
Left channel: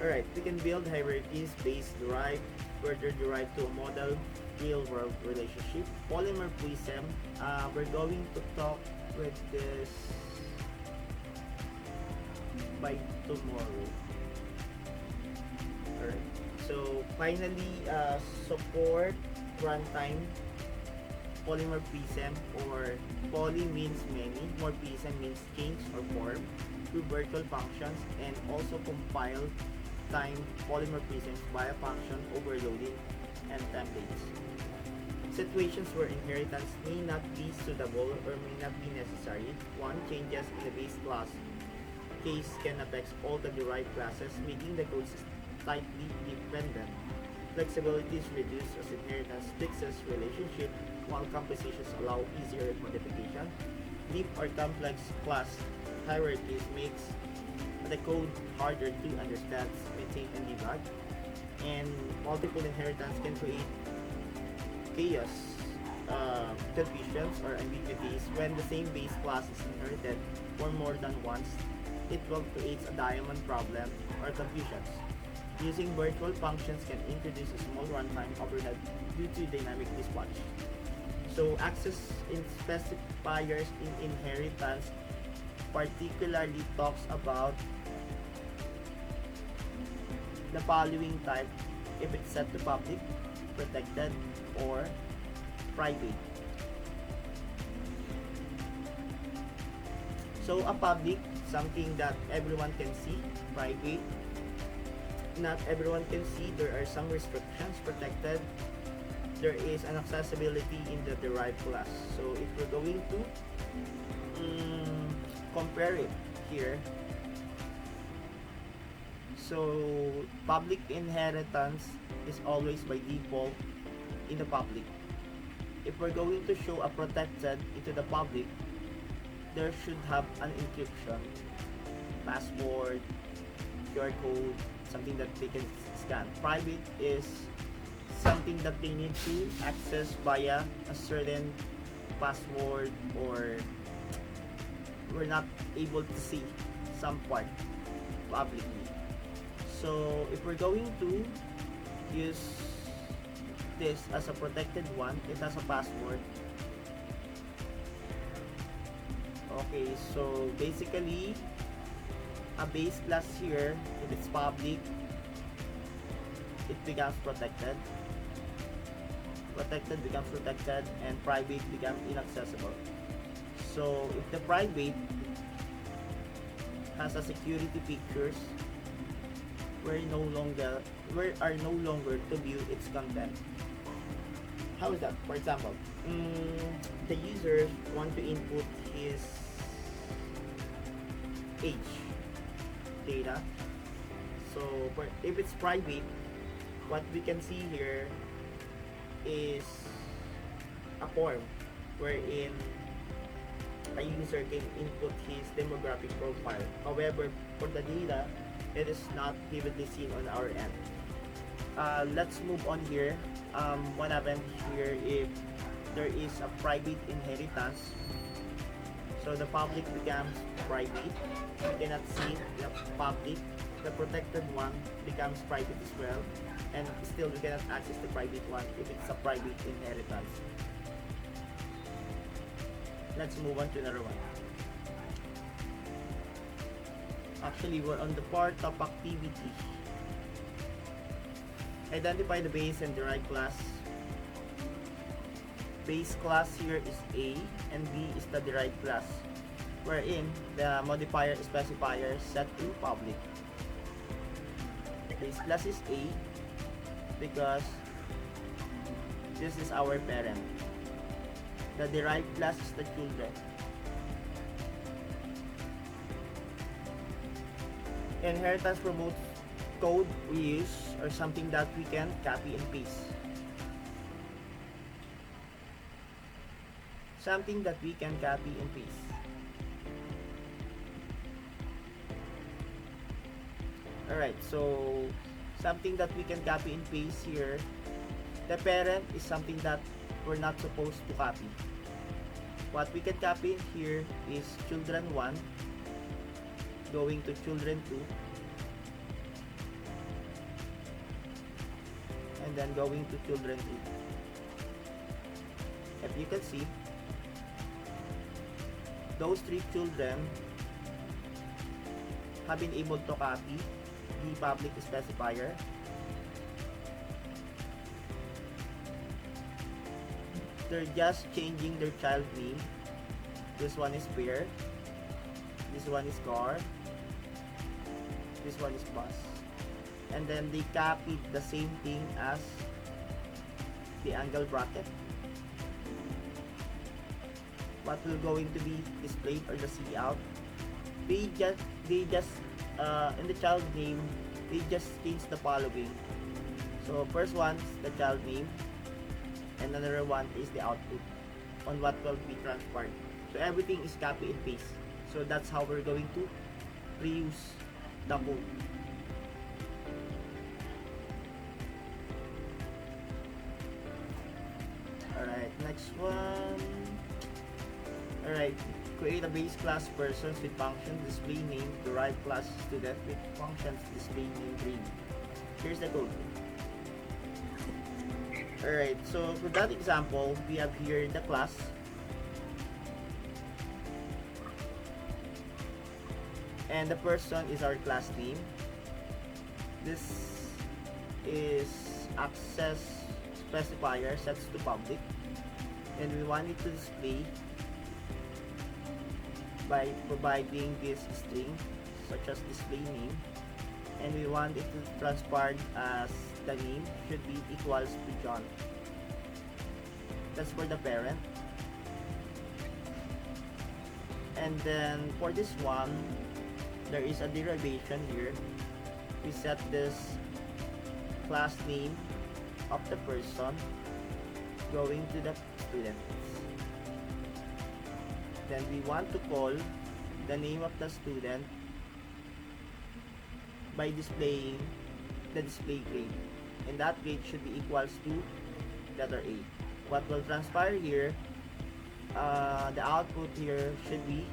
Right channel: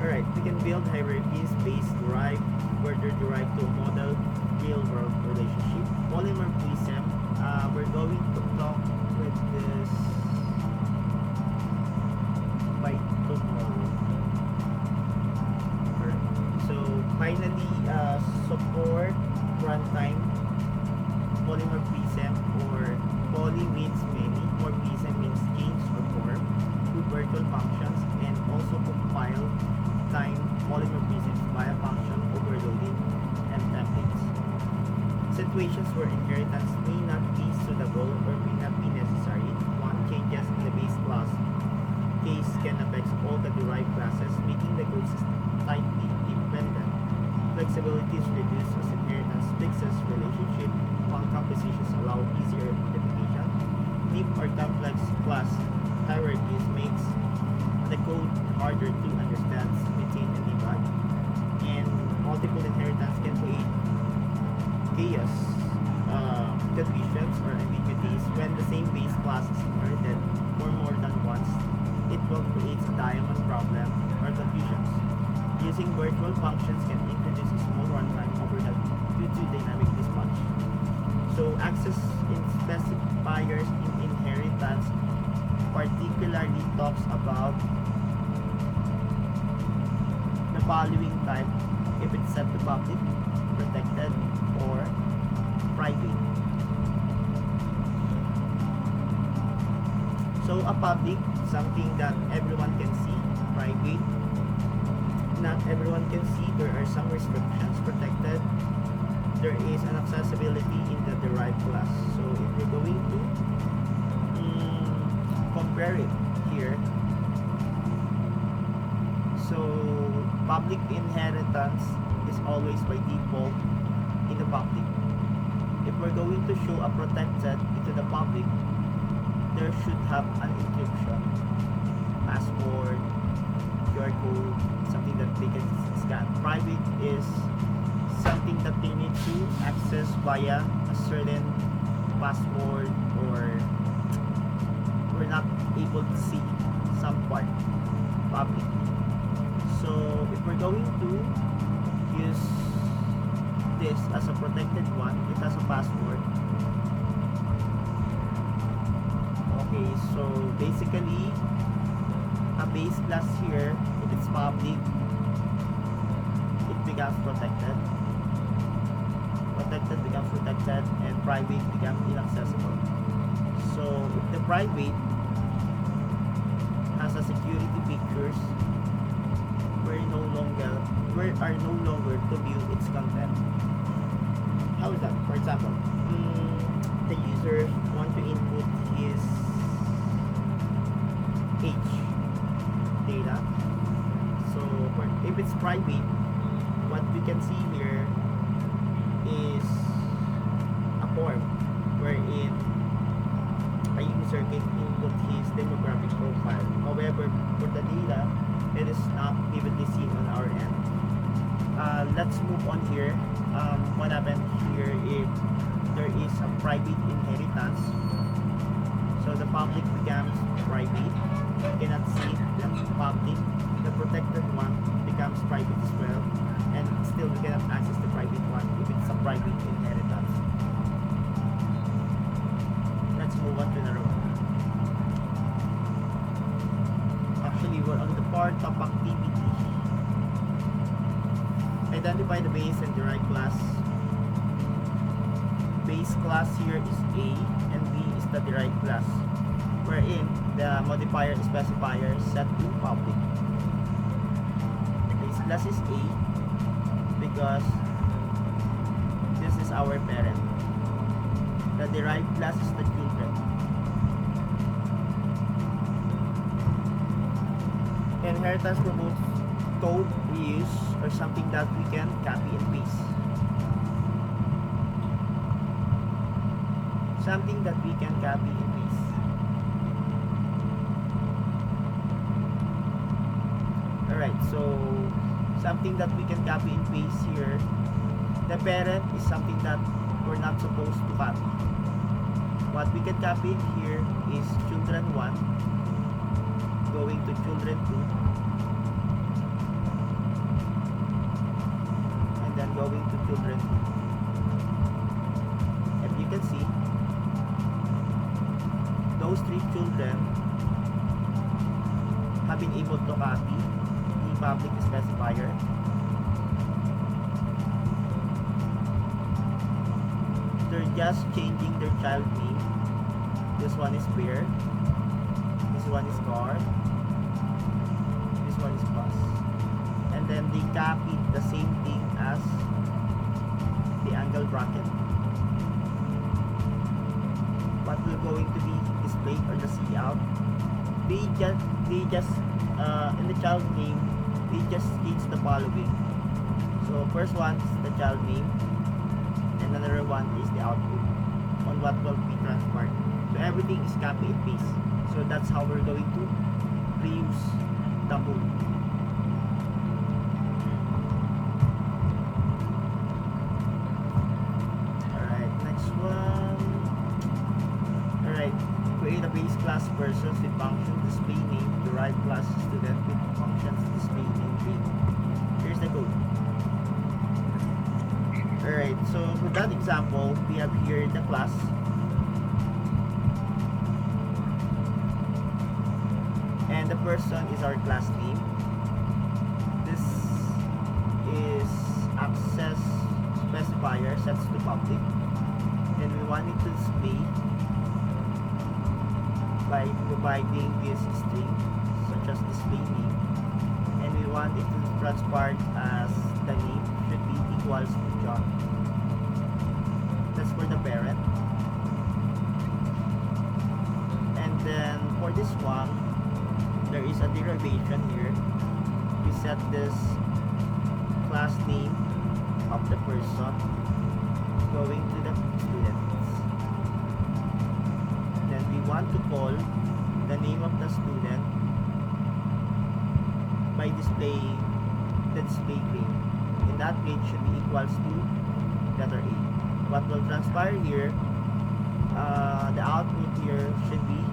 Alright, we can build hierarchies based derived, further derived to a model real-world relationship. Polymorphism, we're going to talk with this by tomorrow. Alright, so finally, support runtime polymorphism, or poly means many, morphism means change or form, through virtual functions, and also compile time polymorphisms via function overloading and templates. Situations where inheritance may not be suitable or may not be necessary. One, changes in the base class case can affect all the derived classes, making the code tightly dependent. Flexibility is reduced as inheritance fixes relationship, while compositions allow easier modification. Deep or complex class hierarchies makes the code harder to understand, maintain, and debug. And multiple inheritance can create chaos, confusions, or ambiguities. When the same base class is inherited for more than once, it will create a diamond problem or confusions. Using virtual functions can introduce a small runtime overhead due to dynamic dispatch. So access in specifiers in inheritance particularly talks about the following type: if it's set to public, protected, or private. So a public, something that everyone can see, private. Not everyone can see. There are some restrictions protected. There is an accessibility in the derived class. So if you're going to compare it here, so public inheritance is always by default in the public. If we're going to show a protected into the public, there should have an encryption, password, QR code, something that they can scan. Private is something that they need to access via a certain password, or we're not able to see some part publicly. So if we're going to use this as a protected one, it has a password. Okay, so basically a base class here, if it's public, it becomes protected. Protected becomes protected, and private becomes inaccessible. So if the private has a security pictures, we are no longer to view its content. How is that? For example, the user want to input his age data. So if it's private, what we can see here is a form wherein a user can input his demographic profile. However, for the data, it is not vividly seen on our end. Let's move on here. What happened here if there is a private inheritance? So the public becomes private. You cannot see the public. The protected one becomes private as well, and still we cannot access the private one if it's a private inheritance. Let's move on to another one. Actually, we're on the part of activity. Identify the base and derived class. Base class here is A, and B is the derived class, wherein the modifier specifier set to public. Base class is A because this is our parent. The derived class is the children. Inheritance promotes code reuse, or something that we can copy and paste. Something that we can copy and paste. Alright, so something that we can copy and paste here. The parent is something that we're not supposed to copy. What we can copy here is children 1 going to children 2, and then going to children 2. If you can see, those 3 children have been able to copy the public specifier. They're just changing their child name. This one is bear, this one is car, this one is bus, and then they copied the same thing as the angle bracket. What will going to be displayed or the see out? They just in the child name, they just change the following. So first one is the child name, and another one is the output on what will be transferred. So everything is copy and paste. So that's how we're going to reuse the code. Alright, next one. Alright, create a base class persons with function display name, derived class student with functions display name grade. Here's the code. Alright, so for that example, we have here the class. And the person is our class name. This is access specifier sets to public. And we want it to display by providing this string such as display name. and we want it to transpire as the name should be equals to John. That's for the parent. And then for this one, there is a derivation here. We set this class name of the person going to the students. Then we want to call the name of the student by displaying the display grade. And that grade should be equals to letter A. What will transpire here, the output here should be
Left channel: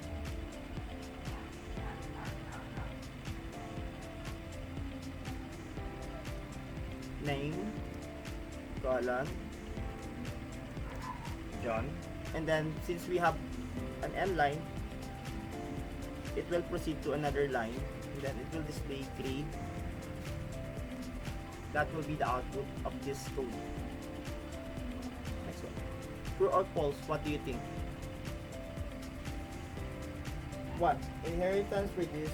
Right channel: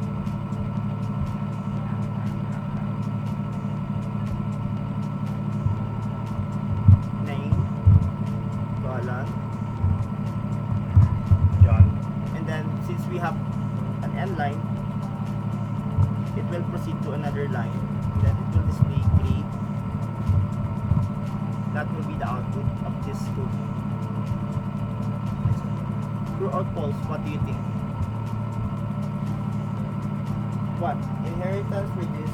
name colon John, and then since we have an end line, it will proceed to another line, then it will display grade. That will be the output of this code. Next one. True or false, what do you think? What? Inheritance reduce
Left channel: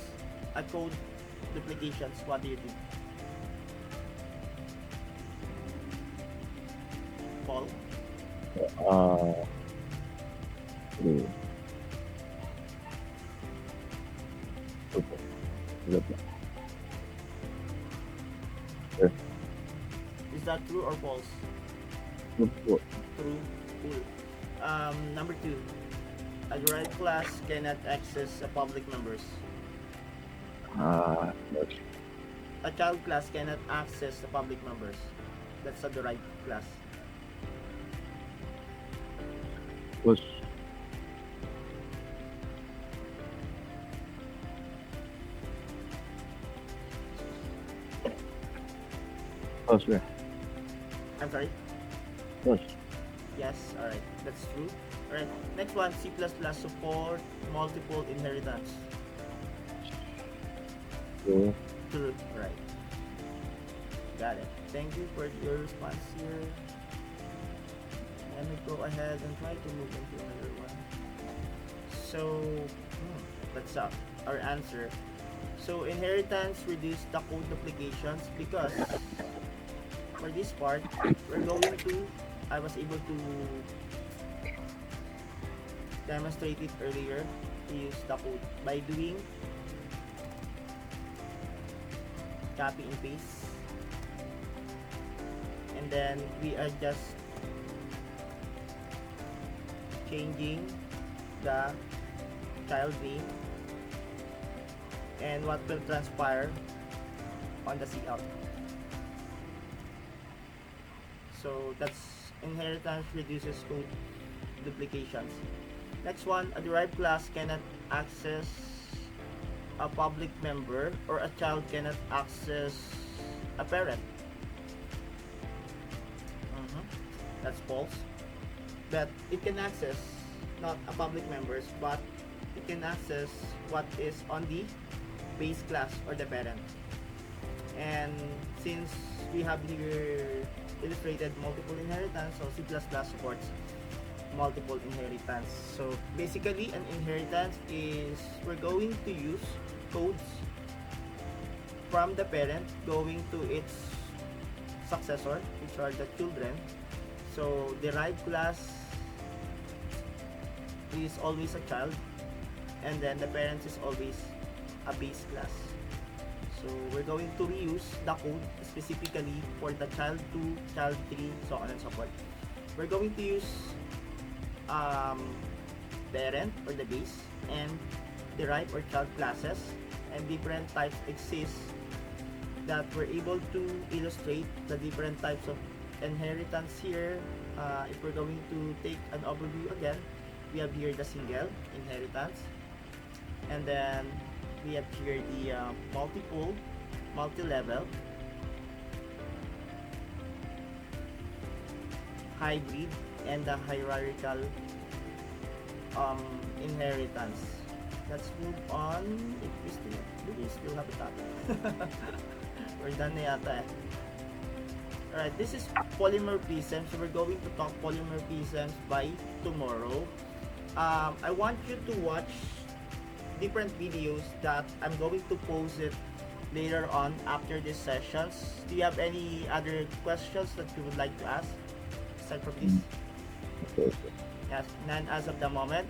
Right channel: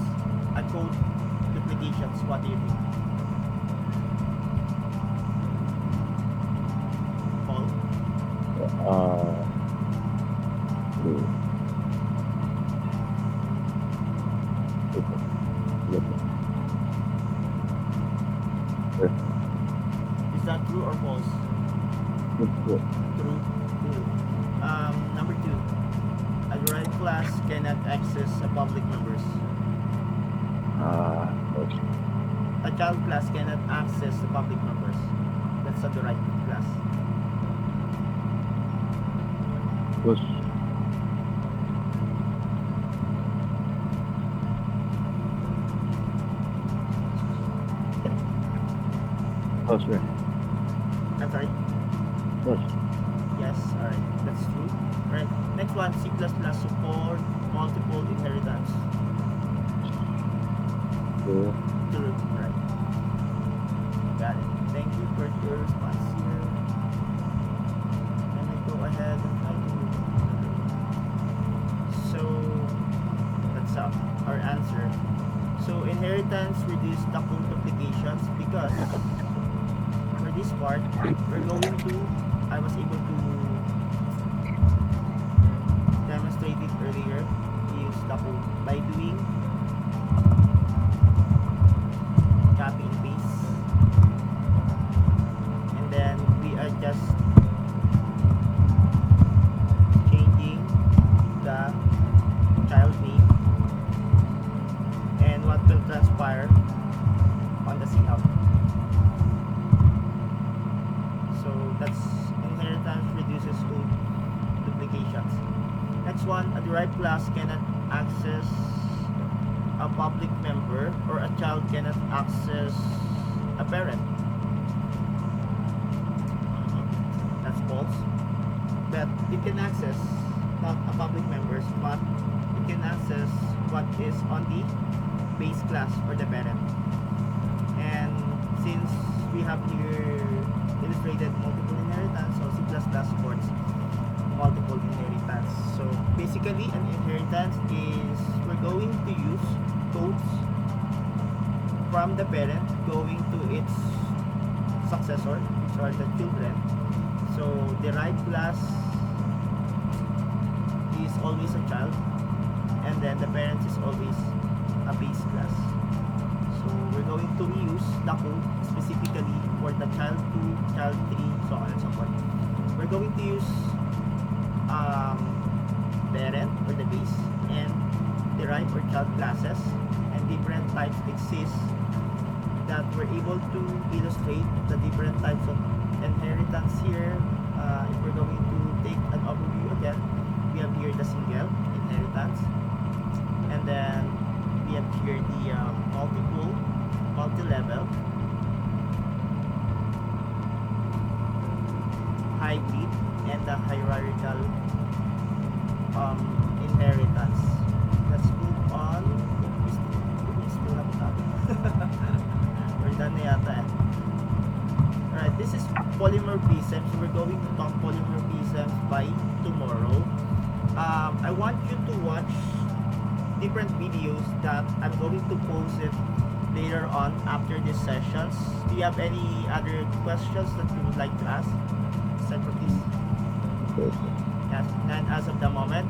a code duplications, what do you think? False? True. Is that true or false? True. True. Number 2. A derived class cannot access a public members. A child class cannot access the public members. That's a derived class. Push. Push. I'm sorry? Push. Yes, alright. That's true. Alright, next one. C++ support multiple inheritance. True. True. Right. Got it. Thank you for your response here. Let me go ahead and try to move on to another one. So, that's our answer. So, inheritance reduce the code duplications because for this part, we're going to, I was able to demonstrate it earlier, to use the code by doing copy and paste, and then we are just changing the child name and what will transpire on the cout. So that's inheritance reduces code duplications. Next one, a derived class cannot access a public member, or a child cannot access a parent. That's false. But it can access not a public members, but it can access what is on the base class or the parent. And since we have here illustrated multiple inheritance, so C++ supports multiple inheritance. So basically an inheritance is we're going to use codes from the parent going to its successor, which are the children. So derived class is always a child, and then the parent is always a base class. So we're going to reuse the code specifically for the child 2, child 3, so on and so forth. We're going to use parent or the base and derived or child classes, and different types exist that we're able to illustrate the different types of inheritance here. If we're going to take an overview again, we have here the single inheritance, and then we have here the multi-level, hybrid, and the hierarchical inheritance. Let's move on. Do we still have a topic? We're done na yata eh. Alright, this is polymorphism. So we're going to talk polymorphisms by tomorrow. I want you to watch different videos that I'm going to post it later on after these sessions. Do you have any other questions that you would like to ask aside from this? Okay. Yes, none as of the moment.